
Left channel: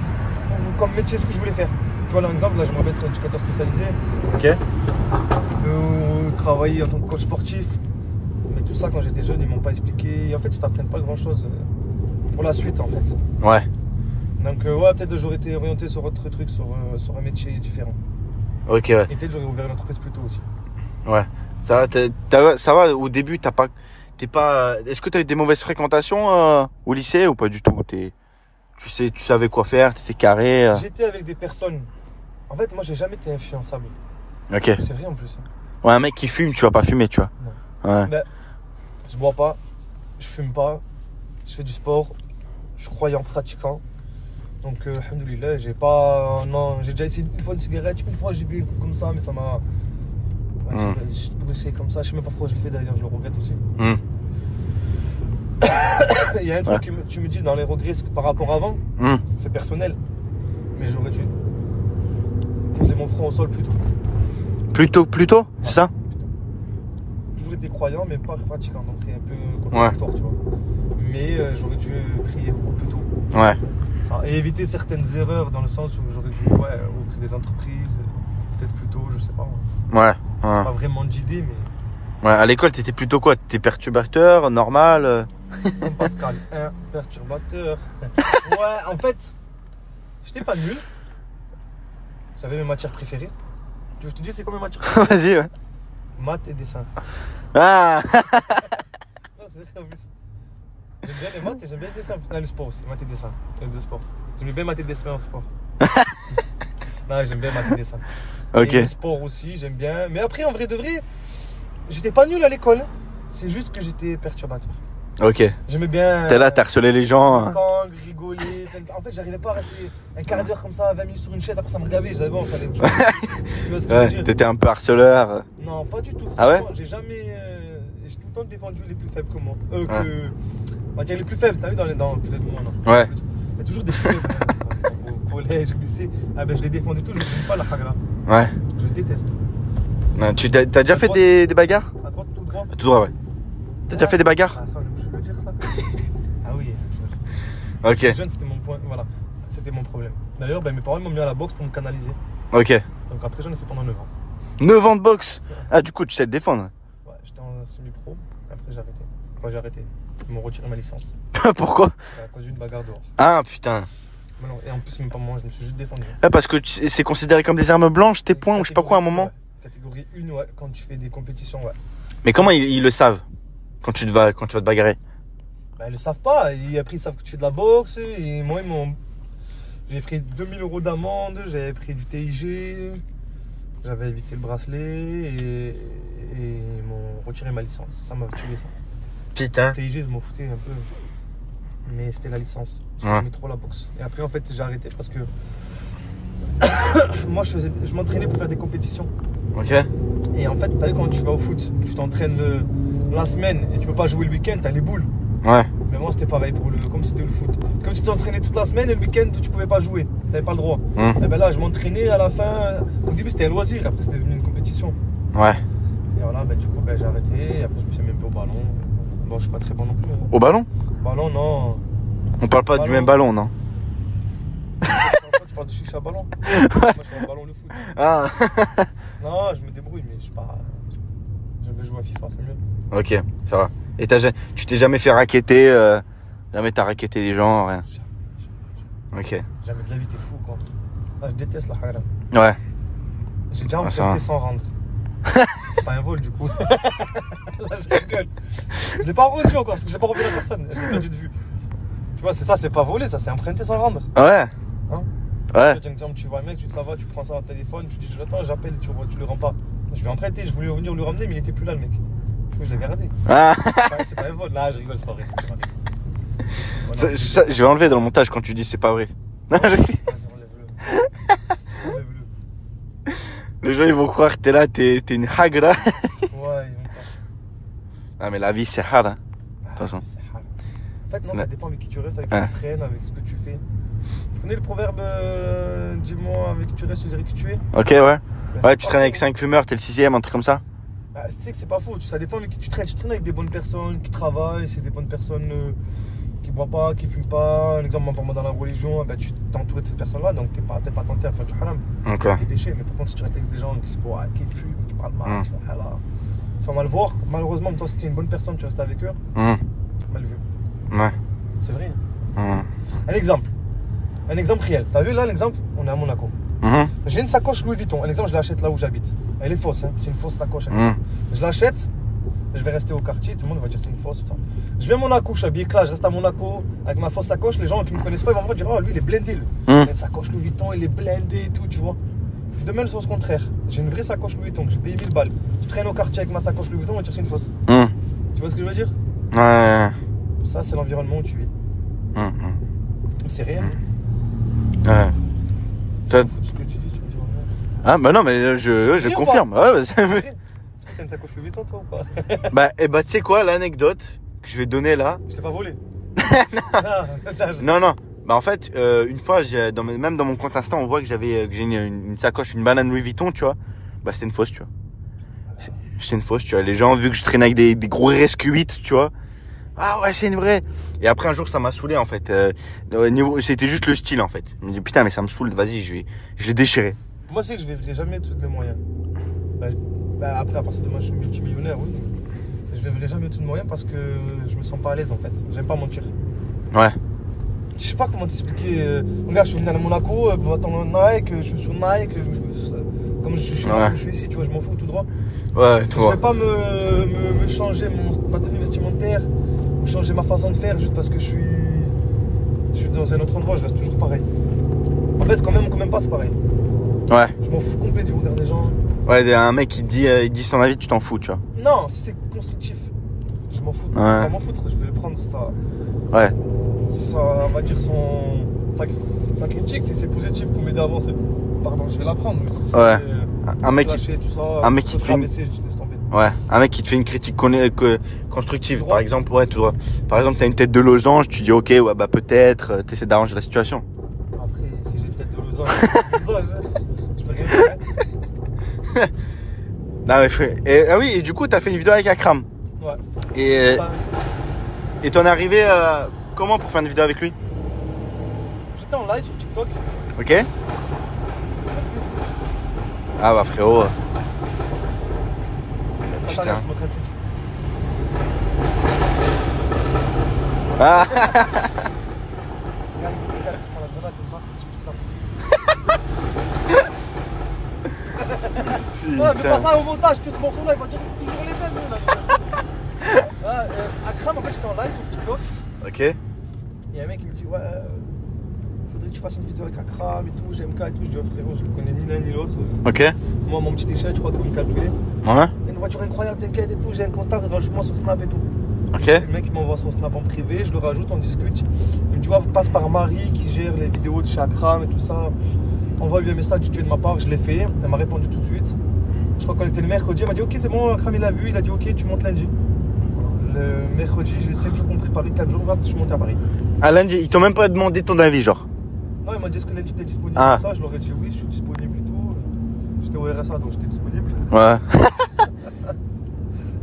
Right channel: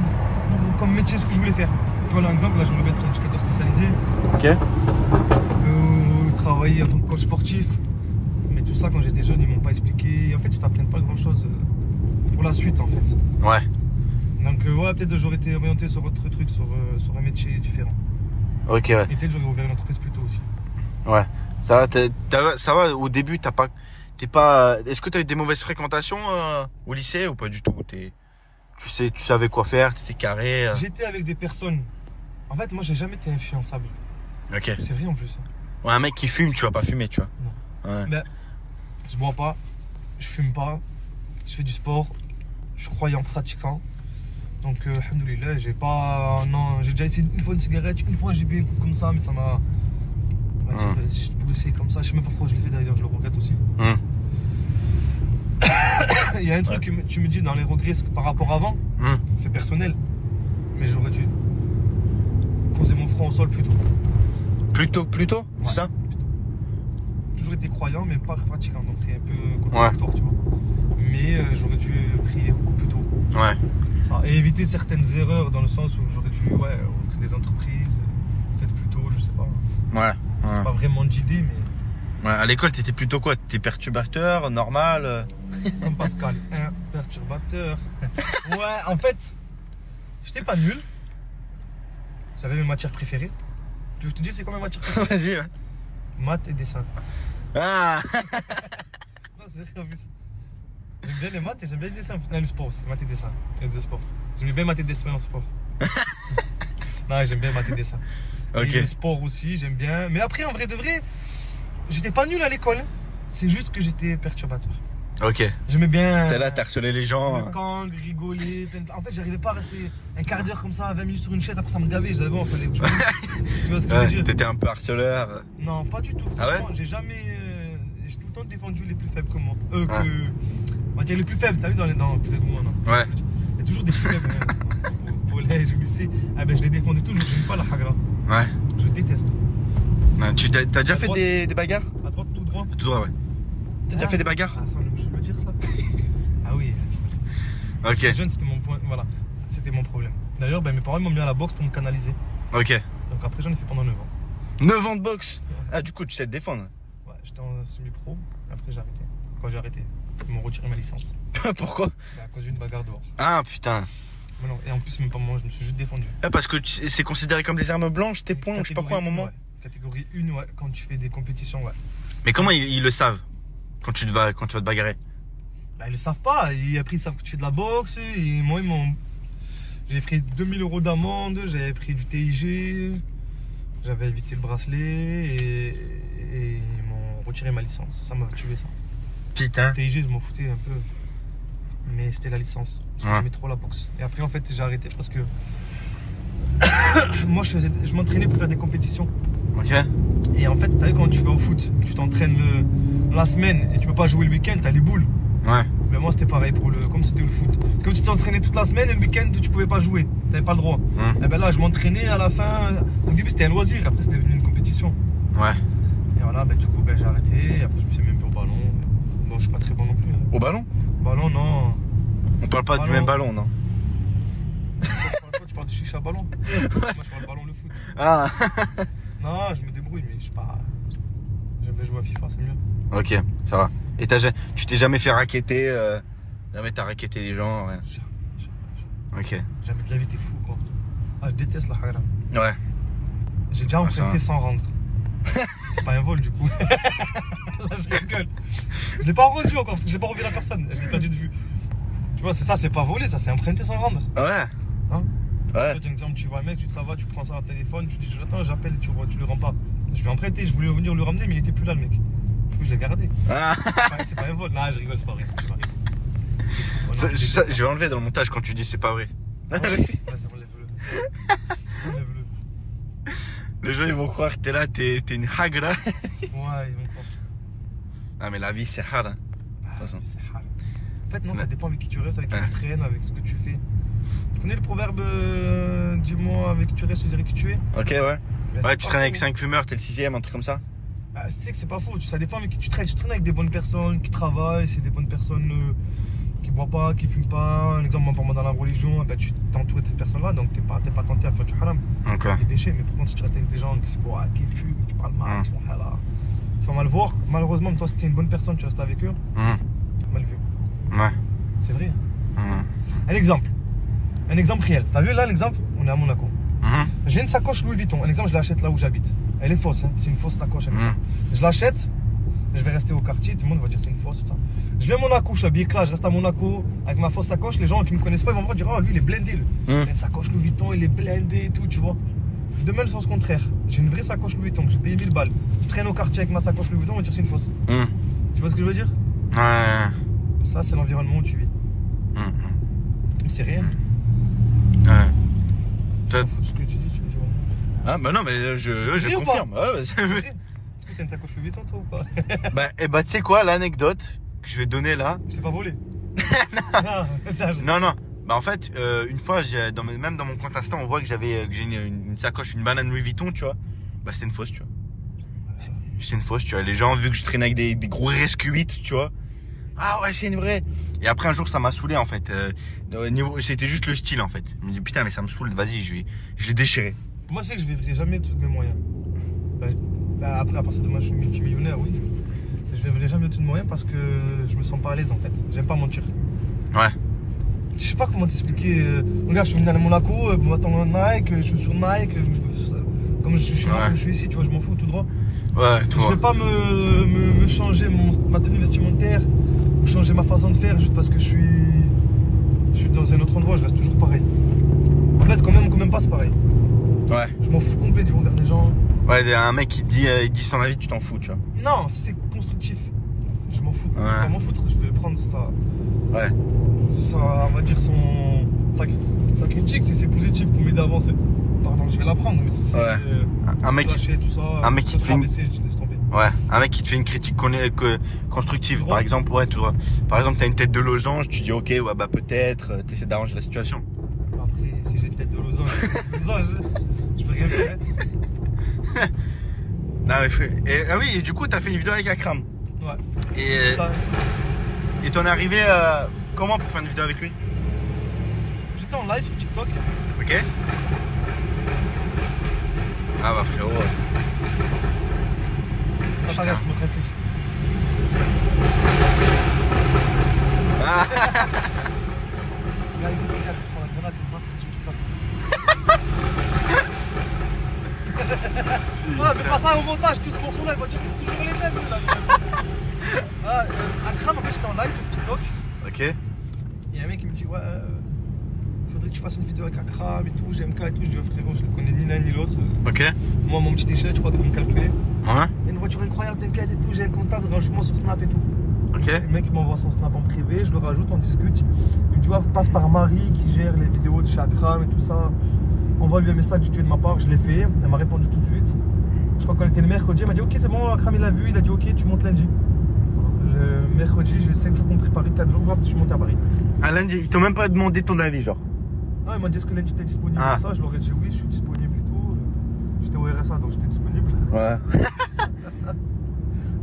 comme métier ce que je voulais faire. Tu vois, par exemple, là, j'aimerais être éducateur spécialisé. Ok. Ou travailler en tant que coach sportif. Mais tout ça, quand j'étais jeune, ils m'ont pas expliqué. Et en fait, ils t'apprennent pas grand chose pour la suite, en fait. Ouais. Donc, ouais, peut-être j'aurais été orienté sur autre truc, sur un métier différent. Ok, ouais. Et peut-être j'aurais ouvert une entreprise plus tôt aussi. Ouais. Ça va, ça va au début, t'es pas. Est-ce que t'as eu des mauvaises fréquentations au lycée ou pas du tout? Tu savais quoi faire, t'étais carré. J'étais avec des personnes. En fait, moi, j'ai jamais été influençable. Ok. C'est vrai en plus. Ouais, un mec qui fume, tu vas pas fumer, tu vois. Non. Ouais. Mais je bois pas, je fume pas, je fais du sport, je suis croyant pratiquant. Donc, alhamdoulilah, j'ai pas. Non, j'ai déjà essayé une fois une cigarette, une fois j'ai bu comme ça, mais ça m'a. Ouais, j'ai poussé comme ça, je sais même pas pourquoi je l'ai fait d'ailleurs, je le regrette aussi. Il y a un truc que tu me dis dans les regrets par rapport à avant, c'est personnel. Mais j'aurais dû poser mon front au sol plus tôt. Plus tôt, c'est ça? Toujours été croyant, mais pas pratiquant, donc c'est un peu contradictoire, tu vois. Mais j'aurais dû prier beaucoup plus tôt. Ouais. Ça. Et éviter certaines erreurs dans le sens où j'aurais dû ouvrir des entreprises, peut-être plus tôt, je sais pas. Ouais. Pas vraiment d'idée, mais. Ouais, à l'école, t'étais plutôt quoi? T'étais perturbateur, normal? Comme Pascal, un perturbateur. Ouais, en fait, j'étais pas nul. J'avais mes matières préférées. Tu veux que je te dise c'est quoi mes matières préférées? Vas-y, ouais. Maths et dessin. Ah. Non, c'est vrai en plus. J'aime bien les maths et j'aime bien les dessins. Non, le sport aussi, maths et dessin. Les deux sports. J'aime bien maths et dessin en sport. Non, j'aime bien maths et dessin. Ok. Et le sport aussi, j'aime bien. Mais après, en vrai de vrai, j'étais pas nul à l'école. C'est juste que j'étais perturbateur. Ok. J'aimais bien. T'es là, t'as harcelé les gens. Rigoler. En fait, j'arrivais pas à rester un quart d'heure comme ça, 20 minutes sur une chaise. Après, ça me gavait. J'avais bon, fallait. Tu vois ce que je veux dire? T'étais un peu harceleur. Non, pas du tout. Ah ouais? J'ai jamais. J'ai tout le temps défendu les plus faibles que moi. On va dire les plus faibles, t'as vu dans les plus faibles que moi, non? Ouais. Il y a toujours des plus faibles. Au collège, au lycée. Ah ben, je les défendais toujours. Je n'aime pas la hagra. Ouais. Je déteste. Non, t'as déjà fait des bagarres? À droite, tout droit. Tout droit, ouais. T'as déjà fait des bagarres? Ah, ça, je veux le dire ça. Ah oui. Ok. J'étais jeune, c'était mon point. Voilà. C'était mon problème. D'ailleurs, ben, mes parents m'ont mis à la boxe pour me canaliser. Ok. Donc après, j'en ai fait pendant 9 ans. 9 ans de boxe? Ah, du coup, tu sais te défendre. Ouais, j'étais en semi-pro. Après, j'ai arrêté. Quand j'ai arrêté, ils m'ont retiré ma licence. Pourquoi? À cause d'une bagarre dehors. Ah, putain. Mais non, et en plus, même pas moi, je me suis juste défendu. Parce que c'est considéré comme des armes blanches, tes poings, ou je sais pas quoi, à un moment. Ouais. Catégorie 1, ouais, quand tu fais des compétitions, ouais. Mais comment ils le savent quand tu vas te bagarrer? Bah, ils le savent pas. Et après, ils savent que tu fais de la boxe. Et moi, j'ai pris 2000 € d'amende, j'avais pris du TIG, j'avais évité le bracelet et ils m'ont retiré ma licence. Ça m'a tué, ça. Putain. TIG, je m'en foutais un peu. Mais c'était la licence. Parce que j'aimais trop la boxe. Et après, en fait, j'ai arrêté parce que moi, je m'entraînais pour faire des compétitions. Ok. Et en fait, t'as vu quand tu vas au foot, tu t'entraînes la semaine et tu peux pas jouer le week-end, t'as les boules. Ouais. Mais moi, c'était pareil comme c'était le foot. C'est comme si tu t'entraînais toute la semaine et le week-end, tu pouvais pas jouer. T'avais pas le droit. Et ben là, je m'entraînais à la fin. Au début, c'était un loisir. Après, c'était devenu une compétition. Ouais. Et voilà, ben, du coup, j'ai arrêté. Et après, je me suis mis un peu au ballon. Bon, je suis pas très bon non plus. Hein. Au ballon? Ballon, non. On parle pas du même ballon, non? Tu parles de chicha ballon? Moi, je parle ballon, le foot. Ah. Non, je me débrouille. Oui, mais je suis pas. J'aime bien jouer à FIFA, c'est mieux. Ok, ça va. Et tu t'es jamais fait racketter jamais t'as racketté des gens, rien. Ok. Jamais de la vie, t'es fou, quoi. Ah, je déteste la haram. Ouais. J'ai déjà ça emprunté va. sans rendre. C'est pas un vol, du coup. Là, je rigole. Je l'ai pas rendu encore parce que j'ai pas revu la personne. Je l'ai perdu de vue. Tu vois, c'est ça, c'est pas volé, ça, c'est emprunté sans rendre. Ouais. Hein? Ouais. Par exemple, tu vois un mec, tu dis ça va, tu prends ça au téléphone, tu dis j'attends, j'appelle, tu le rends pas. Je lui ai emprunté, je voulais venir le ramener, mais il était plus là, le mec. Du coup, je l'ai gardé. Ah. C'est pas un vol. Là, je rigole, c'est pas vrai, c'est pas vrai. Je vais enlever dans le montage quand tu dis c'est pas vrai. Non, Vas-y, enlève-le. Enlève-le. Les gens ils vont croire que t'es là, t'es une hagra. Ouais, ils vont pas. Non mais la vie c'est hard. Hein. De toute façon. C'est hard. En fait, non, ça Ouais. dépend avec qui tu restes, avec qui Ouais. tu traînes, avec ce que tu fais. Tu connais le proverbe dis-moi avec qui tu restes, je dirais qui tu es? Ok ouais. Ben, Ouais, c'est tu pas traînes avec faux. 5 fumeurs, t'es le 6ème, un truc comme ça. Bah, tu sais que c'est pas faux, ça dépend avec qui tu traînes. Tu traînes avec des bonnes personnes qui travaillent, c'est des bonnes personnes qui boivent pas, qui fument pas. Un exemple, moi, dans la religion, bah, tu t'es entouré de ces personnes-là, donc t'es pas tenté à faire du haram, Ok. des péchés. Mais par contre, si tu restes avec des gens qui boivent, qui fument, qui parlent mal, qui font halal, ils sont mal voir. Malheureusement, toi, si t'es une bonne personne, tu restes avec eux, mal vu. Ouais. C'est vrai. Mhm. Un exemple réel. T'as vu là l'exemple? On est à Monaco. Mhm. J'ai une sacoche Louis Vuitton. Un exemple, je l'achète là où j'habite. Elle est fausse, hein. C'est une fausse sacoche. Mhm. Je l'achète, je vais rester au quartier, tout le monde va dire c'est une fausse, tout ça. Je vais à Monaco, je suis habillé là, je reste à Monaco avec ma fausse sacoche. Les gens qui me connaissent pas, ils vont me voir dire oh lui il est blindé. Il a une sacoche Louis Vuitton, il est blindé et tout, tu vois. Demain, le sens contraire. J'ai une vraie sacoche Louis Vuitton, j'ai payé 1000 balles. Je traîne au quartier avec ma sacoche Louis Vuitton, on va dire c'est une fausse. Mhm. Tu vois ce que je veux dire? Ouais. Ça, c'est l'environnement où tu vis. Mhm. C'est rien. Ouais. Toi- Ce que tu dis, tu me dis ouais. Ah bah non mais je vrai ou confirme. Ouais, bah, C'est vrai. C'est une sacoche Louis Vuitton, toi ou pas? bah tu sais quoi, l'anecdote que je vais donner là. Je t'ai pas volé. Non, Non non. Bah en fait, une fois, même dans mon compte Insta, on voit que que j'ai une sacoche, une banane Louis Vuitton, tu vois. Bah c'était une fausse, tu vois. C'était une fausse, tu vois. Les gens, vu que je traîne avec des gros RSQ8, tu vois. Ah ouais, c'est une vraie. Et après un jour, ça m'a saoulé en fait. C'était juste le style en fait. Je me dis putain, mais ça me saoule. Vas-y, je vais déchirer. Moi, c'est que je vivrai jamais de tous mes moyens. Après, à partir de moi, je suis multimillionnaire, oui. Je vivrai jamais de tous mes moyens parce que je me sens pas à l'aise en fait. J'aime pas mentir. Ouais. Je sais pas comment t'expliquer. Regarde, je suis venu à Monaco, je m'attends Nike, je suis sur Nike. Comme je suis ici, tu vois, je m'en fous tout droit. Ouais, Je toi. vais pas me changer ma tenue vestimentaire ou changer ma façon de faire juste parce que je suis dans un autre endroit, je reste toujours pareil. En fait, quand même pas, c'est pareil. Ouais. Je m'en fous complet du regard des gens. Ouais, un mec qui dit, il dit son avis, tu t'en fous, tu vois. Non, si c'est constructif. Je m'en fous. Ouais. Je vais pas m'en foutre, je vais le prendre ça. Ouais. Ça va dire sa critique, si c'est positif pour m'aider à avancer. Pardon, je vais la prendre, mais si c'est Ouais. Un mec, lâcher, tout ça, un mec qui te fait une- rabaisser, je laisse tomber. ouais, un mec qui te fait une critique constructive, Droit. par exemple, ouais, tu vois. Par exemple, t'as une tête de losange, tu dis ok, ouais, bah peut-être, t'essaies d'arranger la situation. Après, si j'ai une tête de losange, je peux rien faire. Ah, ouais, ah oui, et du coup, t'as fait une vidéo avec Akram. Ouais. Et Ça, t'en es arrivé comment pour faire une vidéo avec lui? j'étais en live sur TikTok. Ok. Ah bah frérot. Attends, Putain. regarde, je te montre un truc. Ah. Regarde, écoute, regarde, je prends la grenade comme ça. Je fais ça. Ouais, mais pas ça au montage, que ce morceau-là, il va dire que c'est toujours les mêmes, là. Ah, Akram, en fait, j'étais en live sur TikTok. Ok. Il y a un mec qui me dit, ouais, faudrait que tu fasses une vidéo avec Akram et tout, GMK et tout. Je dis, oh, frérot, je ne connais ni l'un ni l'autre. Ok. Moi, mon petit échelle, tu crois qu'ils vont me calculer. Ouais. T'as une voiture incroyable, t'inquiète et tout, j'ai un contact, rajoute-moi sur Snap et tout. Ok. Le mec il m'envoie son Snap en privé, je le rajoute, on discute. Il me dit, ouais, passe par Marie qui gère les vidéos de chez Akram et tout ça. Envoie-lui un message, tu es de ma part, je l'ai fait. Elle m'a répondu tout de suite. Je crois qu'on était le mercredi, elle m'a dit, ok, c'est bon, Akram il a vu, il a dit, ok, tu montes lundi. Le mercredi, je sais que je compte préparer 4 jours, je suis monté à Paris. Ah lundi, ils t'ont même pas demandé ton avis, genre. Non, il m'a dit, est-ce que lundi t'es disponible Ah. pour ça? Je leur ai dit, oui, je suis disponible et tout. J'étais au RSA, donc j'étais disponible. Ouais.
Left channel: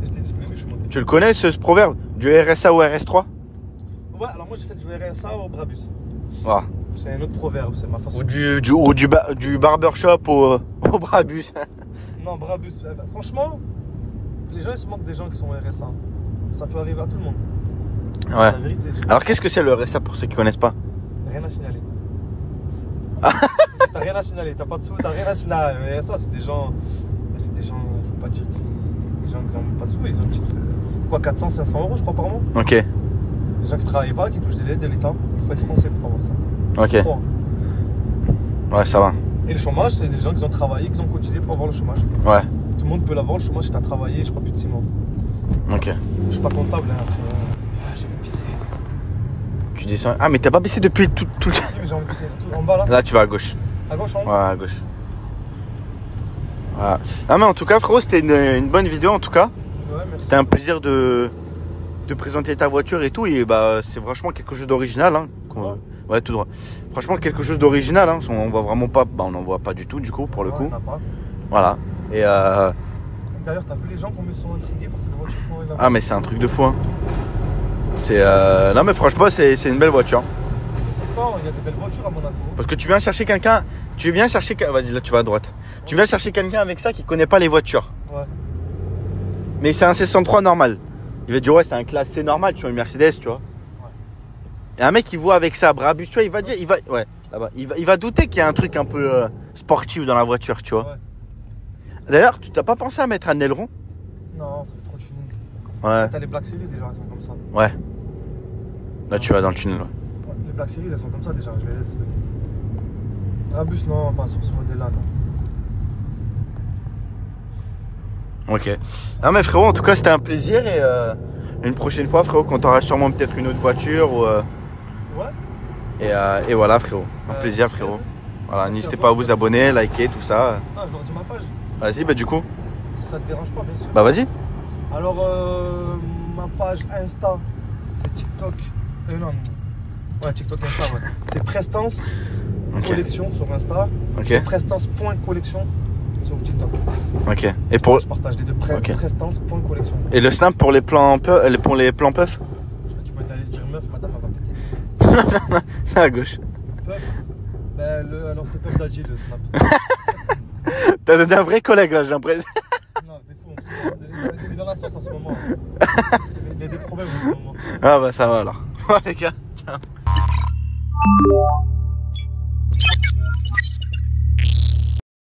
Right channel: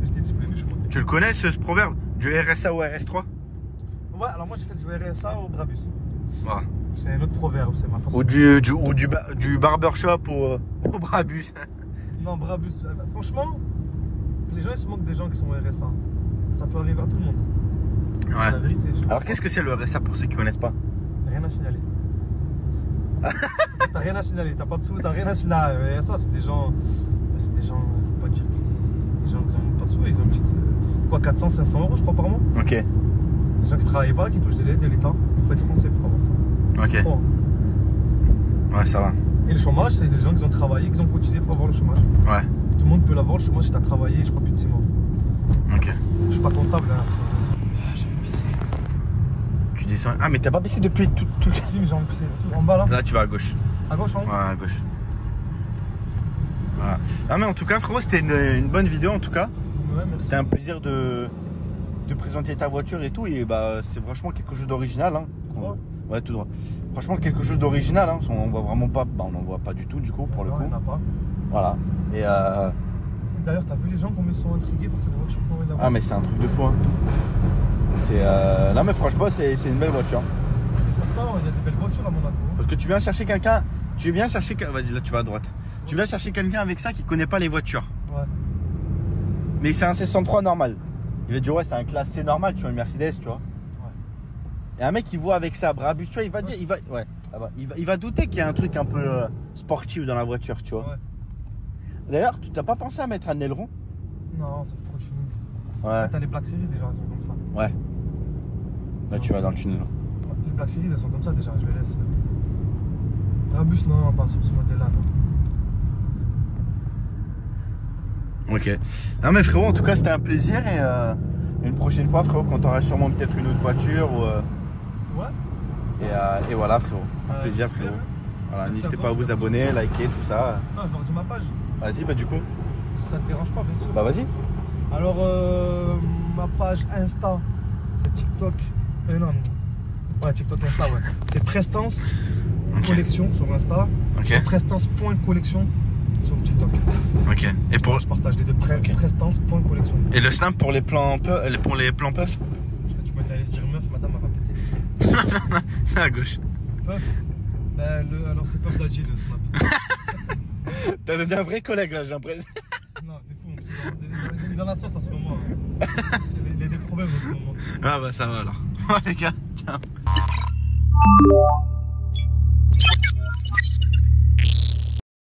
J'étais disponible, je suis monté. Tu le connais ce proverbe? Du RSA au RS3? Ouais, alors moi j'ai fait du RSA au Brabus. Ouais. C'est un autre proverbe, c'est ma façon. Ou du barbershop au Brabus. Non, Brabus, franchement, les gens ils se moquent des gens qui sont au RSA. Ça peut arriver à tout le monde. C'est la Ouais. vérité. Alors qu'est-ce que c'est le RSA pour ceux qui connaissent pas? T'as rien à signaler. T'as rien à signaler, t'as pas de sous, t'as rien à signaler. Mais ça, c'est des gens. C'est des gens, faut pas dire. Des gens qui ont pas de sous, ils ont une petite. Quoi, 400, 500 euros, je crois, par mois. Ok. Les gens qui travaillent pas, qui touchent de l'aide de l'État. Il faut être français pour avoir ça. Ok. Bon. Ouais, ça va. Et le chômage, c'est des gens qui ont travaillé, qui ont cotisé pour avoir le chômage. Ouais. Tout le monde peut l'avoir, le chômage, si t'as travaillé, je crois, plus de 6 mois. Ok. Je suis pas comptable, hein. J'ai envie de pisser. Tu dis ça. Ah, mais t'as pas baissé depuis tout. Si, mais j'ai envie de pisser. Tout en bas, là. Là, tu vas à gauche. À gauche, en haut. Ouais, à gauche. Voilà. Ah, mais en tout cas, frérot, c'était une bonne vidéo en tout cas. Ouais, merci. C'était un plaisir de présenter ta voiture et tout. Et bah, c'est franchement quelque chose d'original. Hein. Ouais, tout droit. Franchement, quelque chose d'original. Hein. On voit vraiment pas. Bah, on n'en voit pas du tout, du coup, pour le coup. On n'a pas. Voilà. Et D'ailleurs, t'as vu les gens comme ils sont intrigués par cette voiture quand ils la voient. ah, mais c'est un truc de fou. Hein. C'est. Non, mais franchement, c'est une belle voiture. Non, il y a des belles voitures à Monaco. Parce que tu viens chercher quelqu'un. Vas-y, là, tu vas à droite. Tu viens chercher quelqu'un avec ça qui connaît pas les voitures. Ouais. Mais c'est un C63 normal. Il va dire, ouais, c'est un classe C normal, tu vois, une Mercedes, tu vois. Et un mec qui voit avec ça, Brabus, tu vois, il va dire, ouais, là-bas, il va douter qu'il y a un truc un peu sportif dans la voiture, tu vois. Ouais. D'ailleurs, tu t'as pas pensé à mettre un aileron? Non, ça fait trop tuning. Ouais. T'as les Black Series déjà, elles sont comme ça. Ouais. Là, tu vas dans le tunnel. Ouais. Les Black Series, elles sont comme ça déjà. Je vais laisser. Brabus, non, pas sur ce modèle-là. Ok. Ah, mais frérot, en tout cas, c'était un plaisir. Et une prochaine fois, frérot, quand t'auras sûrement peut-être une autre voiture. Ou, Ouais. et voilà, frérot. Un plaisir, frérot. Voilà, n'hésitez pas à vous abonner, liker, tout ça. Ah, je leur dis ma page. Vas-y, bah du coup. Si ça te dérange pas, bien sûr. Bah vas-y. Alors, ma page Insta, c'est TikTok. Non. Ouais, TikTok, Insta, ouais. C'est Prestance Collection sur Insta. Ok. Prestance.collection sur TikTok. Ok. Et pour. Je partage les deux. Ok. Prestance.collection. Et le snap pour les plans pour les plans puff? Tu peux aller dire meuf, madame, elle va péter. C'est à gauche. Puff. Alors, c'est Puff Daddy le snap. T'as donné un vrai collègue là, j'ai l'impression. Non, t'es fou. Il est dans la sauce en ce moment. Hein. Il y a des problèmes en ce moment. Ah bah ça va alors. Les gars, ciao.